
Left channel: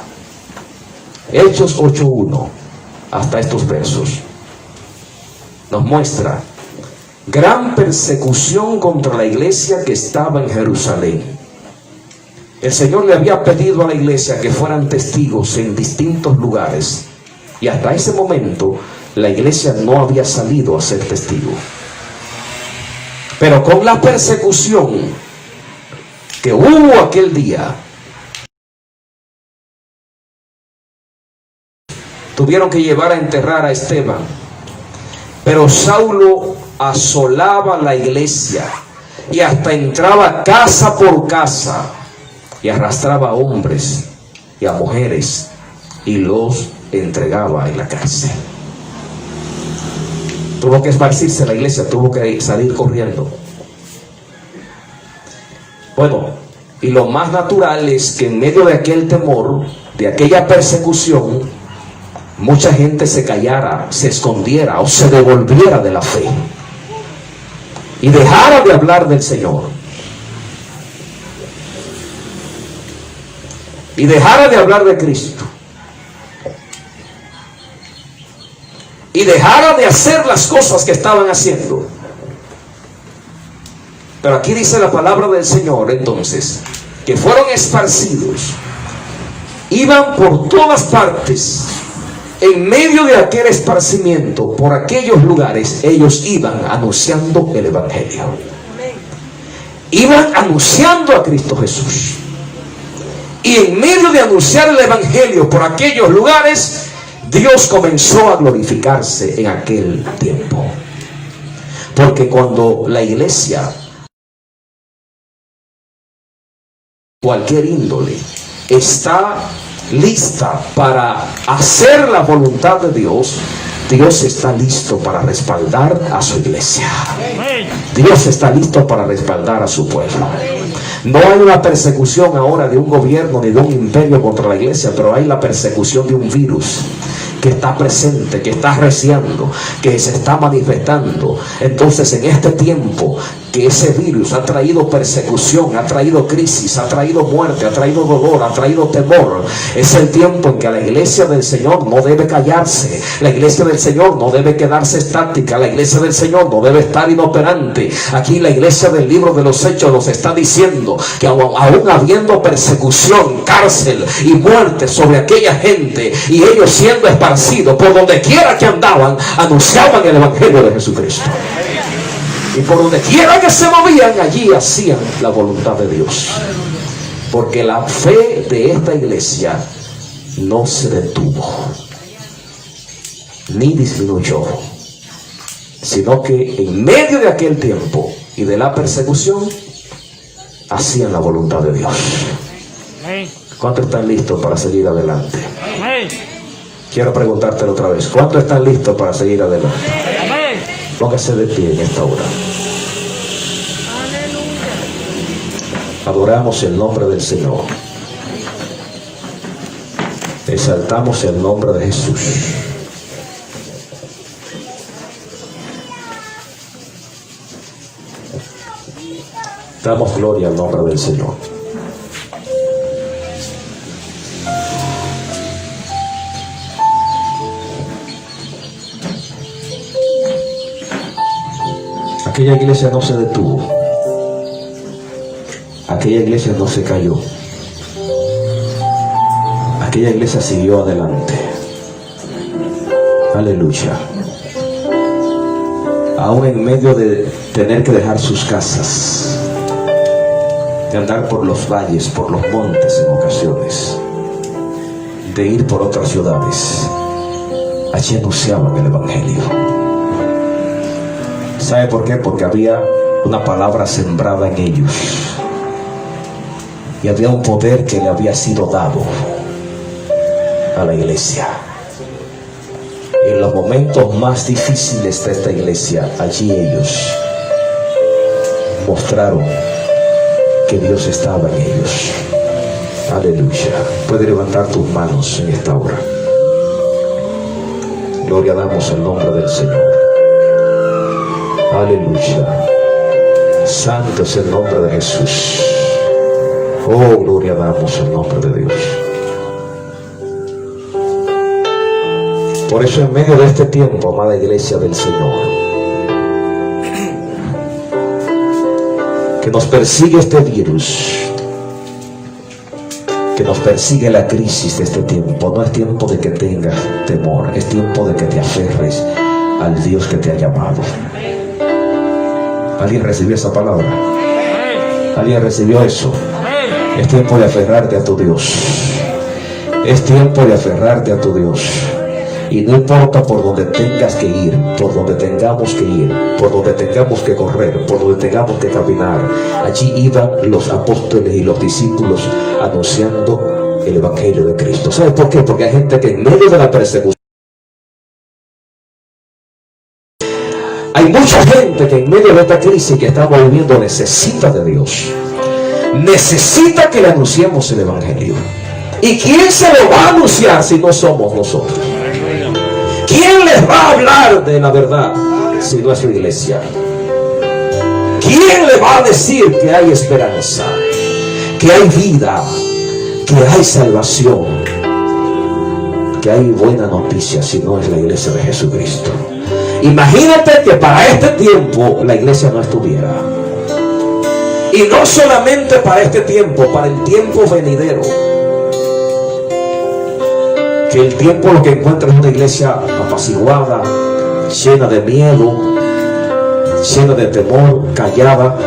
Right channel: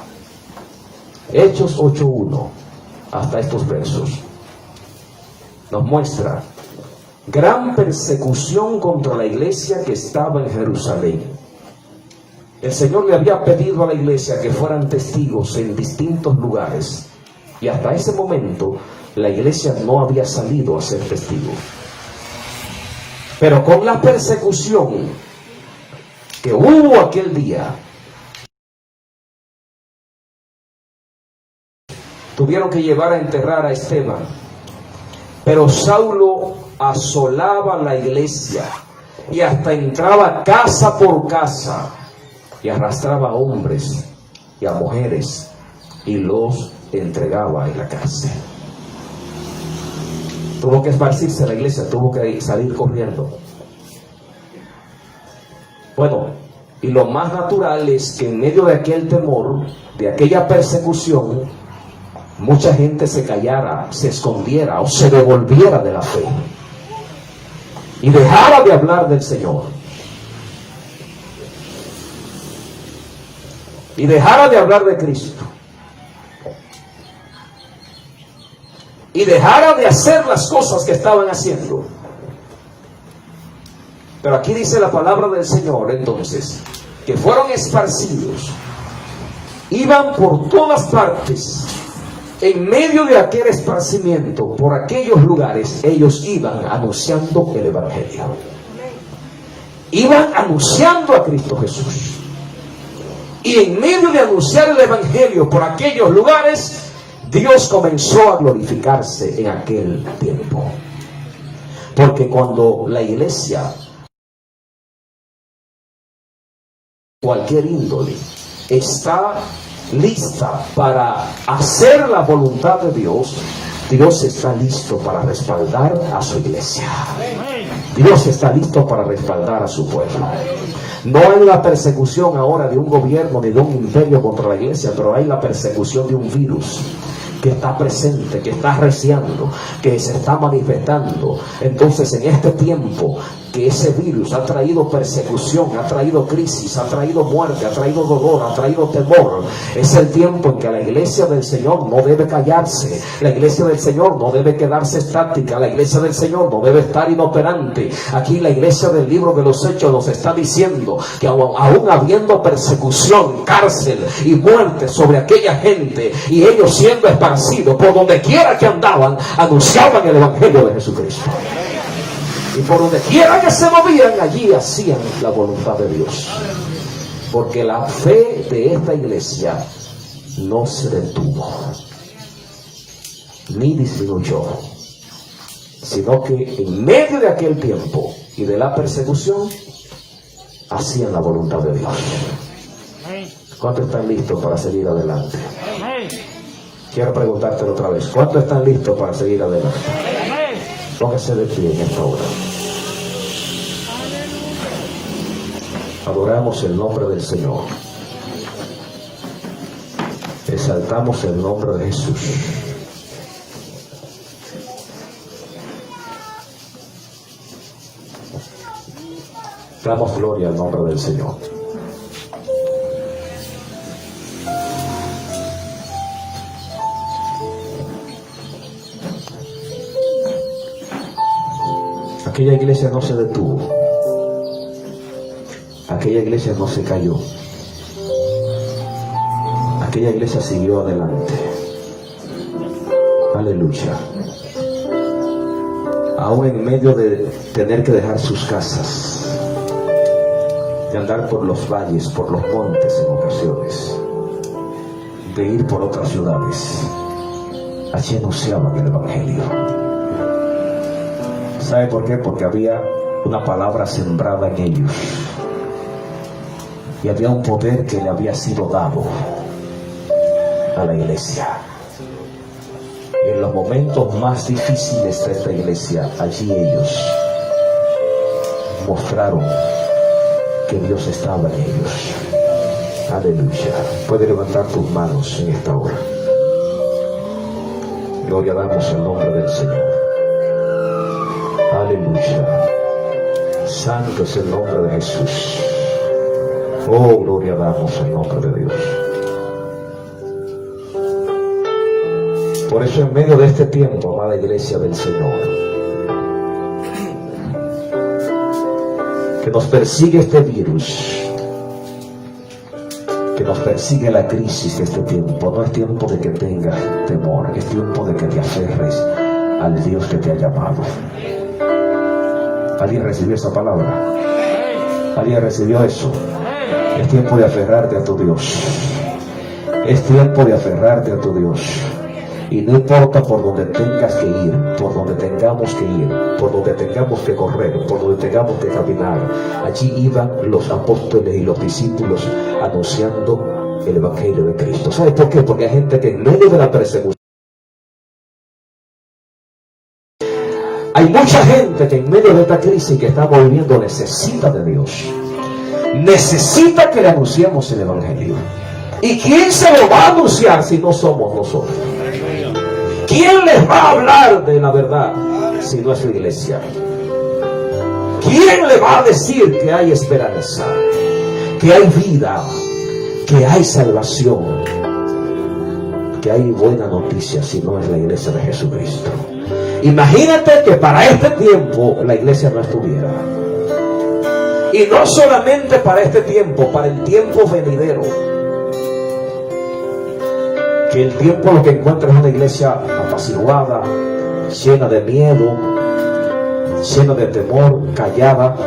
Hechos 8:1 hasta estos versos. nos muestra gran persecución contra la iglesia que estaba en Jerusalén. El Señor le había pedido a la iglesia que fueran testigos en distintos lugares, y hasta ese momento la iglesia no había salido a ser testigo. Pero con la persecución que hubo aquel día, tuvieron que llevar a enterrar a Esteban. Pero Saulo asolaba la iglesia y hasta entraba casa por casa y arrastraba a hombres y a mujeres y los entregaba en la cárcel. Tuvo que esparcirse la iglesia, tuvo que salir corriendo. Bueno, y lo más natural es que en medio de aquel temor, de aquella persecución, mucha gente se callara, se escondiera o se devolviera de la fe y dejara de hablar del Señor y dejara de hablar de Cristo y dejara de hacer las cosas que estaban haciendo. Pero aquí dice la palabra del Señor entonces que fueron esparcidos, iban por todas partes. En medio de aquel esparcimiento, por aquellos lugares, ellos iban anunciando el Evangelio. Iban anunciando a Cristo Jesús. Y en medio de anunciar el Evangelio por aquellos lugares, Dios comenzó a glorificarse en aquel tiempo. Porque cuando la iglesia, cualquier índole, está lista para hacer la voluntad de Dios, Dios está listo para respaldar a su iglesia. Dios está listo para respaldar a su pueblo. No hay una persecución ahora de un gobierno ni de un imperio contra la iglesia, pero hay la persecución de un virus que está presente, que está arreciando, que se está manifestando. Entonces, en este tiempo que ese virus ha traído persecución, ha traído crisis, ha traído muerte, ha traído dolor, ha traído temor, es el tiempo en que la iglesia del Señor no debe callarse. La iglesia del Señor no debe quedarse estática. La iglesia del Señor no debe estar inoperante. Aquí la iglesia del libro de los Hechos nos está diciendo que aún habiendo persecución, cárcel y muerte sobre aquella gente, y ellos siendo esparcidos por donde quiera que andaban, anunciaban el Evangelio de Jesucristo. Y por donde quiera que se movían, allí hacían la voluntad de Dios. Porque la fe de esta iglesia no se detuvo, ni disminuyó, sino que en medio de aquel tiempo y de la persecución, hacían la voluntad de Dios. ¿Cuántos están listos para seguir adelante? Quiero preguntártelo otra vez. ¿Cuántos están listos para seguir adelante? Póngase de pie en esta hora. Adoramos el nombre del Señor. Exaltamos el nombre de Jesús. Damos gloria al nombre del Señor. Aquella iglesia no se detuvo. Aquella iglesia no se cayó. Aquella iglesia siguió adelante. Aleluya. Aún en medio de tener que dejar sus casas, de andar por los valles, por los montes en ocasiones, de ir por otras ciudades, allí anunciaban el Evangelio. ¿Sabe por qué? Porque había una palabra sembrada en ellos. Y había un poder que le había sido dado a la iglesia. Y en los momentos más difíciles de esta iglesia, allí ellos mostraron que Dios estaba en ellos. Aleluya. Puede levantar tus manos en esta hora. Gloria damos al nombre del Señor. Aleluya. Santo es el nombre de Jesús. Oh, gloria damos al nombre de Dios. Por eso en medio de este tiempo, amada iglesia del Señor, que nos persigue este virus, que nos persigue la crisis de este tiempo, no es tiempo de que tengas temor, es tiempo de que te aferres al Dios que te ha llamado. ¿Alguien recibió esa palabra? ¿Alguien recibió eso? Es tiempo de aferrarte a tu Dios. Es tiempo de aferrarte a tu Dios. Y no importa por donde tengas que ir, por donde tengamos que ir, por donde tengamos que correr, por donde tengamos que caminar. Allí iban los apóstoles y los discípulos anunciando el Evangelio de Cristo. ¿Sabes por qué? Porque hay gente que en medio de la persecución, hay mucha gente que en medio de esta crisis que estamos viviendo necesita de Dios. Necesita que le anunciemos el Evangelio. ¿Y quién se lo va a anunciar si no somos nosotros? ¿Quién les va a hablar de la verdad si no es su iglesia? ¿Quién le va a decir que hay esperanza, que hay vida, que hay salvación, que hay buena noticia si no es la iglesia de Jesucristo? Imagínate que para este tiempo la iglesia no estuviera. Y no solamente para este tiempo, para el tiempo venidero. Que el tiempo lo que encuentra es una iglesia apaciguada, llena de miedo, llena de temor, callada.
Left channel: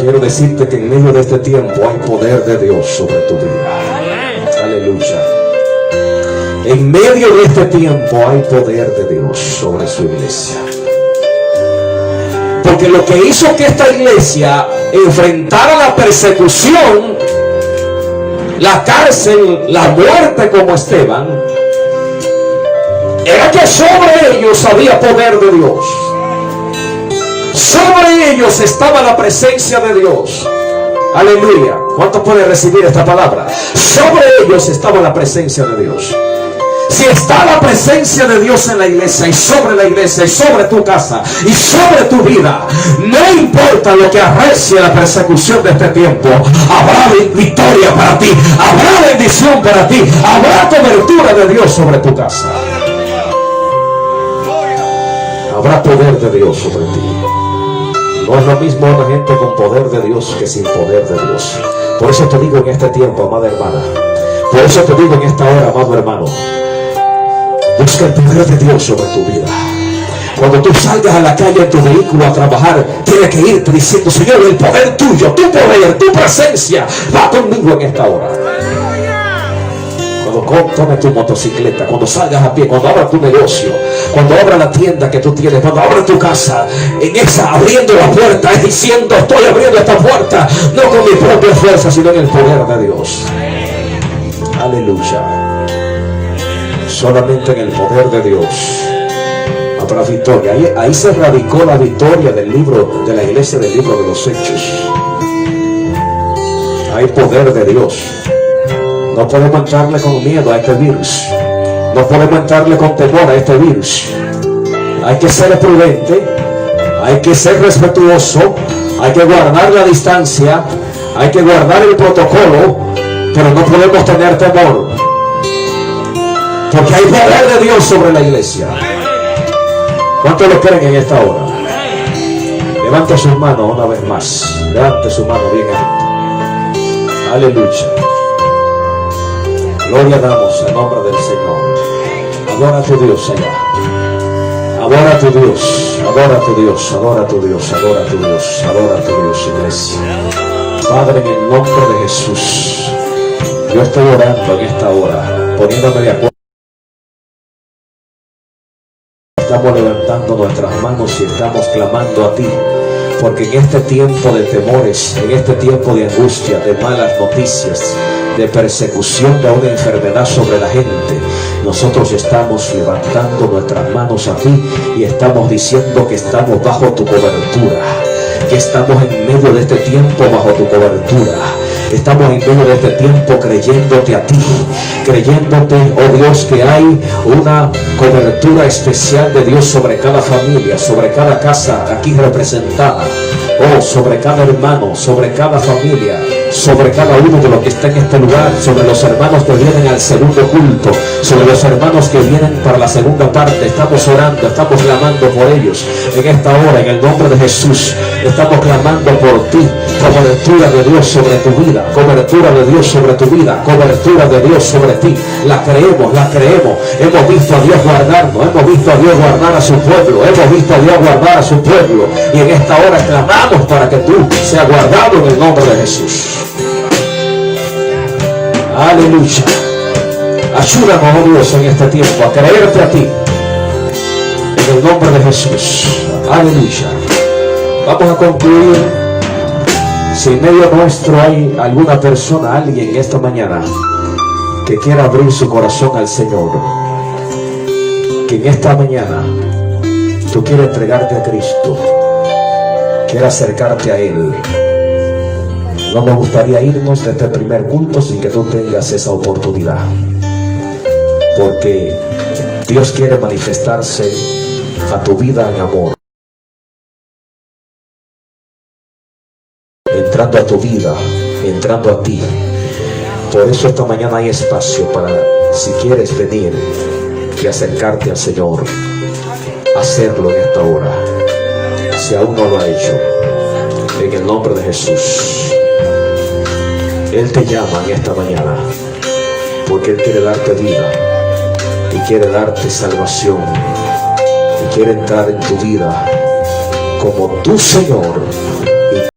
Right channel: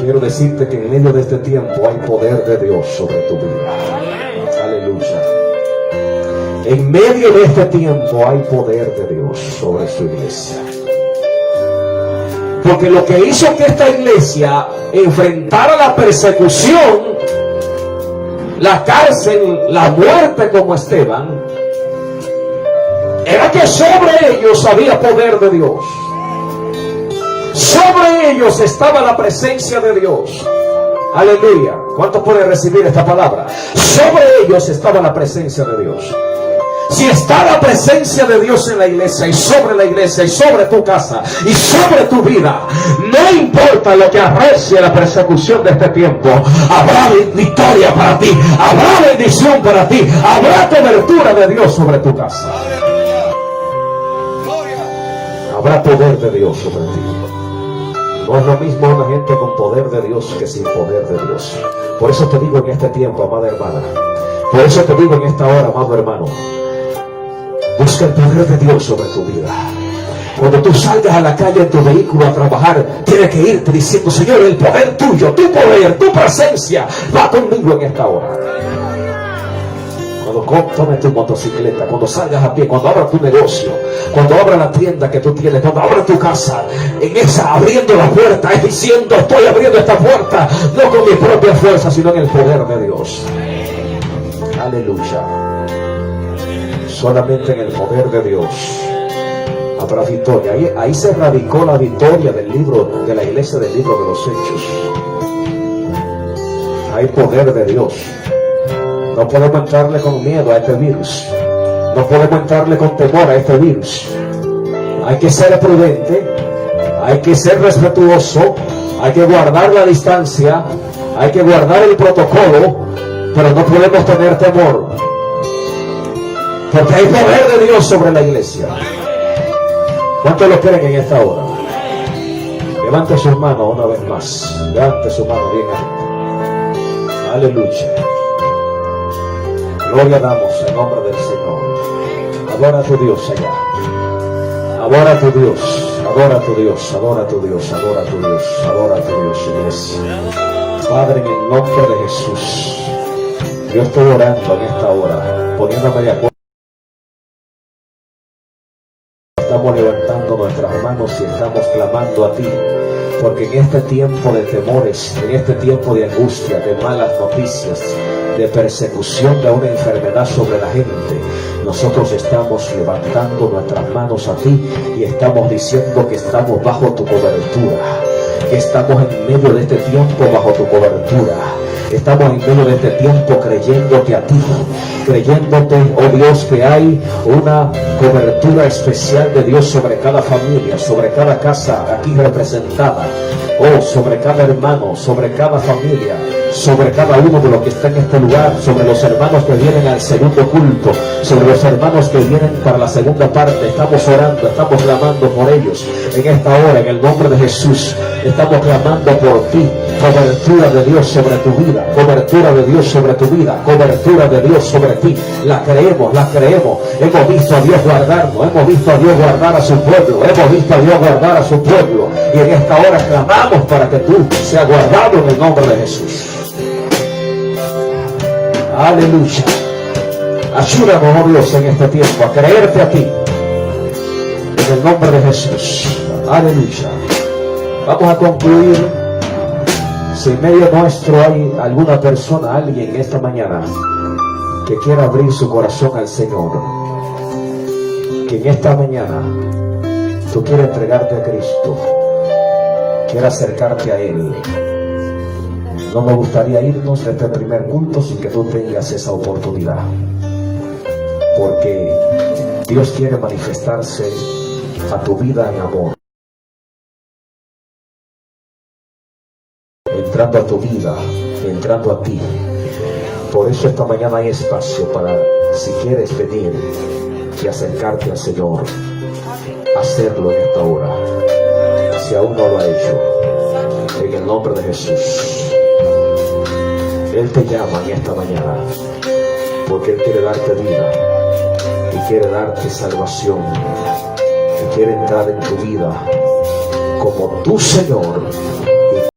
Quiero decirte que en medio de este tiempo hay poder de Dios sobre tu vida. Aleluya. En medio de este tiempo hay poder de Dios sobre su iglesia. Porque lo que hizo que esta iglesia enfrentara la persecución, la cárcel, la muerte como Esteban, era que sobre ellos había poder de Dios. Sobre ellos estaba la presencia de Dios. Aleluya. ¿Cuántos pueden recibir esta palabra? Sobre ellos estaba la presencia de Dios. Si está la presencia de Dios en la iglesia y sobre tu casa y sobre tu vida, no importa lo que arrecie la persecución de este tiempo, habrá victoria para ti, habrá bendición para ti, habrá cobertura de Dios sobre tu casa, habrá poder de Dios sobre ti. No es lo mismo una gente con poder de Dios que sin poder de Dios. Por eso te digo en este tiempo, amada hermana, por eso te digo en esta hora, amado hermano, busca el poder de Dios sobre tu vida. Cuando tú salgas a la calle en tu vehículo a trabajar, tienes que irte diciendo: Señor, el poder tuyo, tu poder, tu presencia va conmigo en esta hora. Cuando tomes tu motocicleta, cuando salgas a pie, cuando abras tu negocio, cuando abras la tienda que tú tienes, cuando abras tu casa, en esa abriendo la puerta, es diciendo: estoy abriendo esta puerta no con mi propia fuerza, sino en el poder de Dios. Aleluya. Solamente en el poder de Dios habrá victoria. Ahí se radicó la victoria del libro de la iglesia, del libro de los Hechos. Hay poder de Dios. No podemos entrarle con miedo a este virus. No podemos entrarle con temor a este virus. Hay que ser prudente, hay que ser respetuoso, hay que guardar la distancia, hay que guardar el protocolo, pero no podemos tener temor. Porque hay poder de Dios sobre la iglesia. ¿Cuántos lo creen en esta hora? Levante su mano una vez más. Levante su mano bien alto. Aleluya. Gloria damos en nombre del Señor. Adora a tu Dios allá. Adora a tu Dios. Adora a tu Dios. Adora a tu Dios. Adora a tu Dios. Adora a tu Dios, iglesia. Padre, en el nombre de Jesús, yo estoy orando en esta hora, poniéndome de acuerdo. Estamos levantando nuestras manos y estamos clamando a ti, porque en este tiempo de temores, en este tiempo de angustia, de malas noticias, de persecución de una enfermedad sobre la gente, nosotros estamos levantando nuestras manos a ti y estamos diciendo que estamos bajo tu cobertura, que estamos en medio de este tiempo bajo tu cobertura. Estamos en medio de este tiempo creyéndote a ti, creyéndote, oh Dios, que hay una cobertura especial de Dios sobre cada familia, sobre cada casa aquí representada, oh, sobre cada hermano, sobre cada familia, sobre cada uno de los que está en este lugar, sobre los hermanos que vienen al segundo culto, sobre los hermanos que vienen para la segunda parte. Estamos orando, estamos clamando por ellos en esta hora, en el nombre de Jesús. Estamos clamando por ti, cobertura de Dios sobre tu vida, cobertura de Dios sobre tu vida, cobertura de Dios sobre ti. La creemos, la creemos. Hemos visto a Dios guardarnos, hemos visto a Dios guardar a su pueblo, hemos visto a Dios guardar a su pueblo, y en esta hora clamamos para que tú seas guardado en el nombre de Jesús. Aleluya. Ayúdanos, oh Dios, en este tiempo a creerte a ti, en el nombre de Jesús. Aleluya. Vamos a concluir. Si en medio nuestro hay alguna persona, alguien esta mañana que quiera abrir su corazón al Señor, que en esta mañana tú quieres entregarte a Cristo, quieres acercarte a Él, no nos gustaría irnos de este primer culto sin que tú tengas esa oportunidad, porque Dios quiere manifestarse a tu vida en amor, entrando a tu vida, entrando a ti. Por eso esta mañana hay espacio para, si quieres venir y acercarte al Señor, hacerlo en esta hora, si aún no lo ha hecho, en el nombre de Jesús. Él te llama en esta mañana, porque Él quiere darte vida, y quiere darte salvación, y quiere entrar en tu vida como tu Señor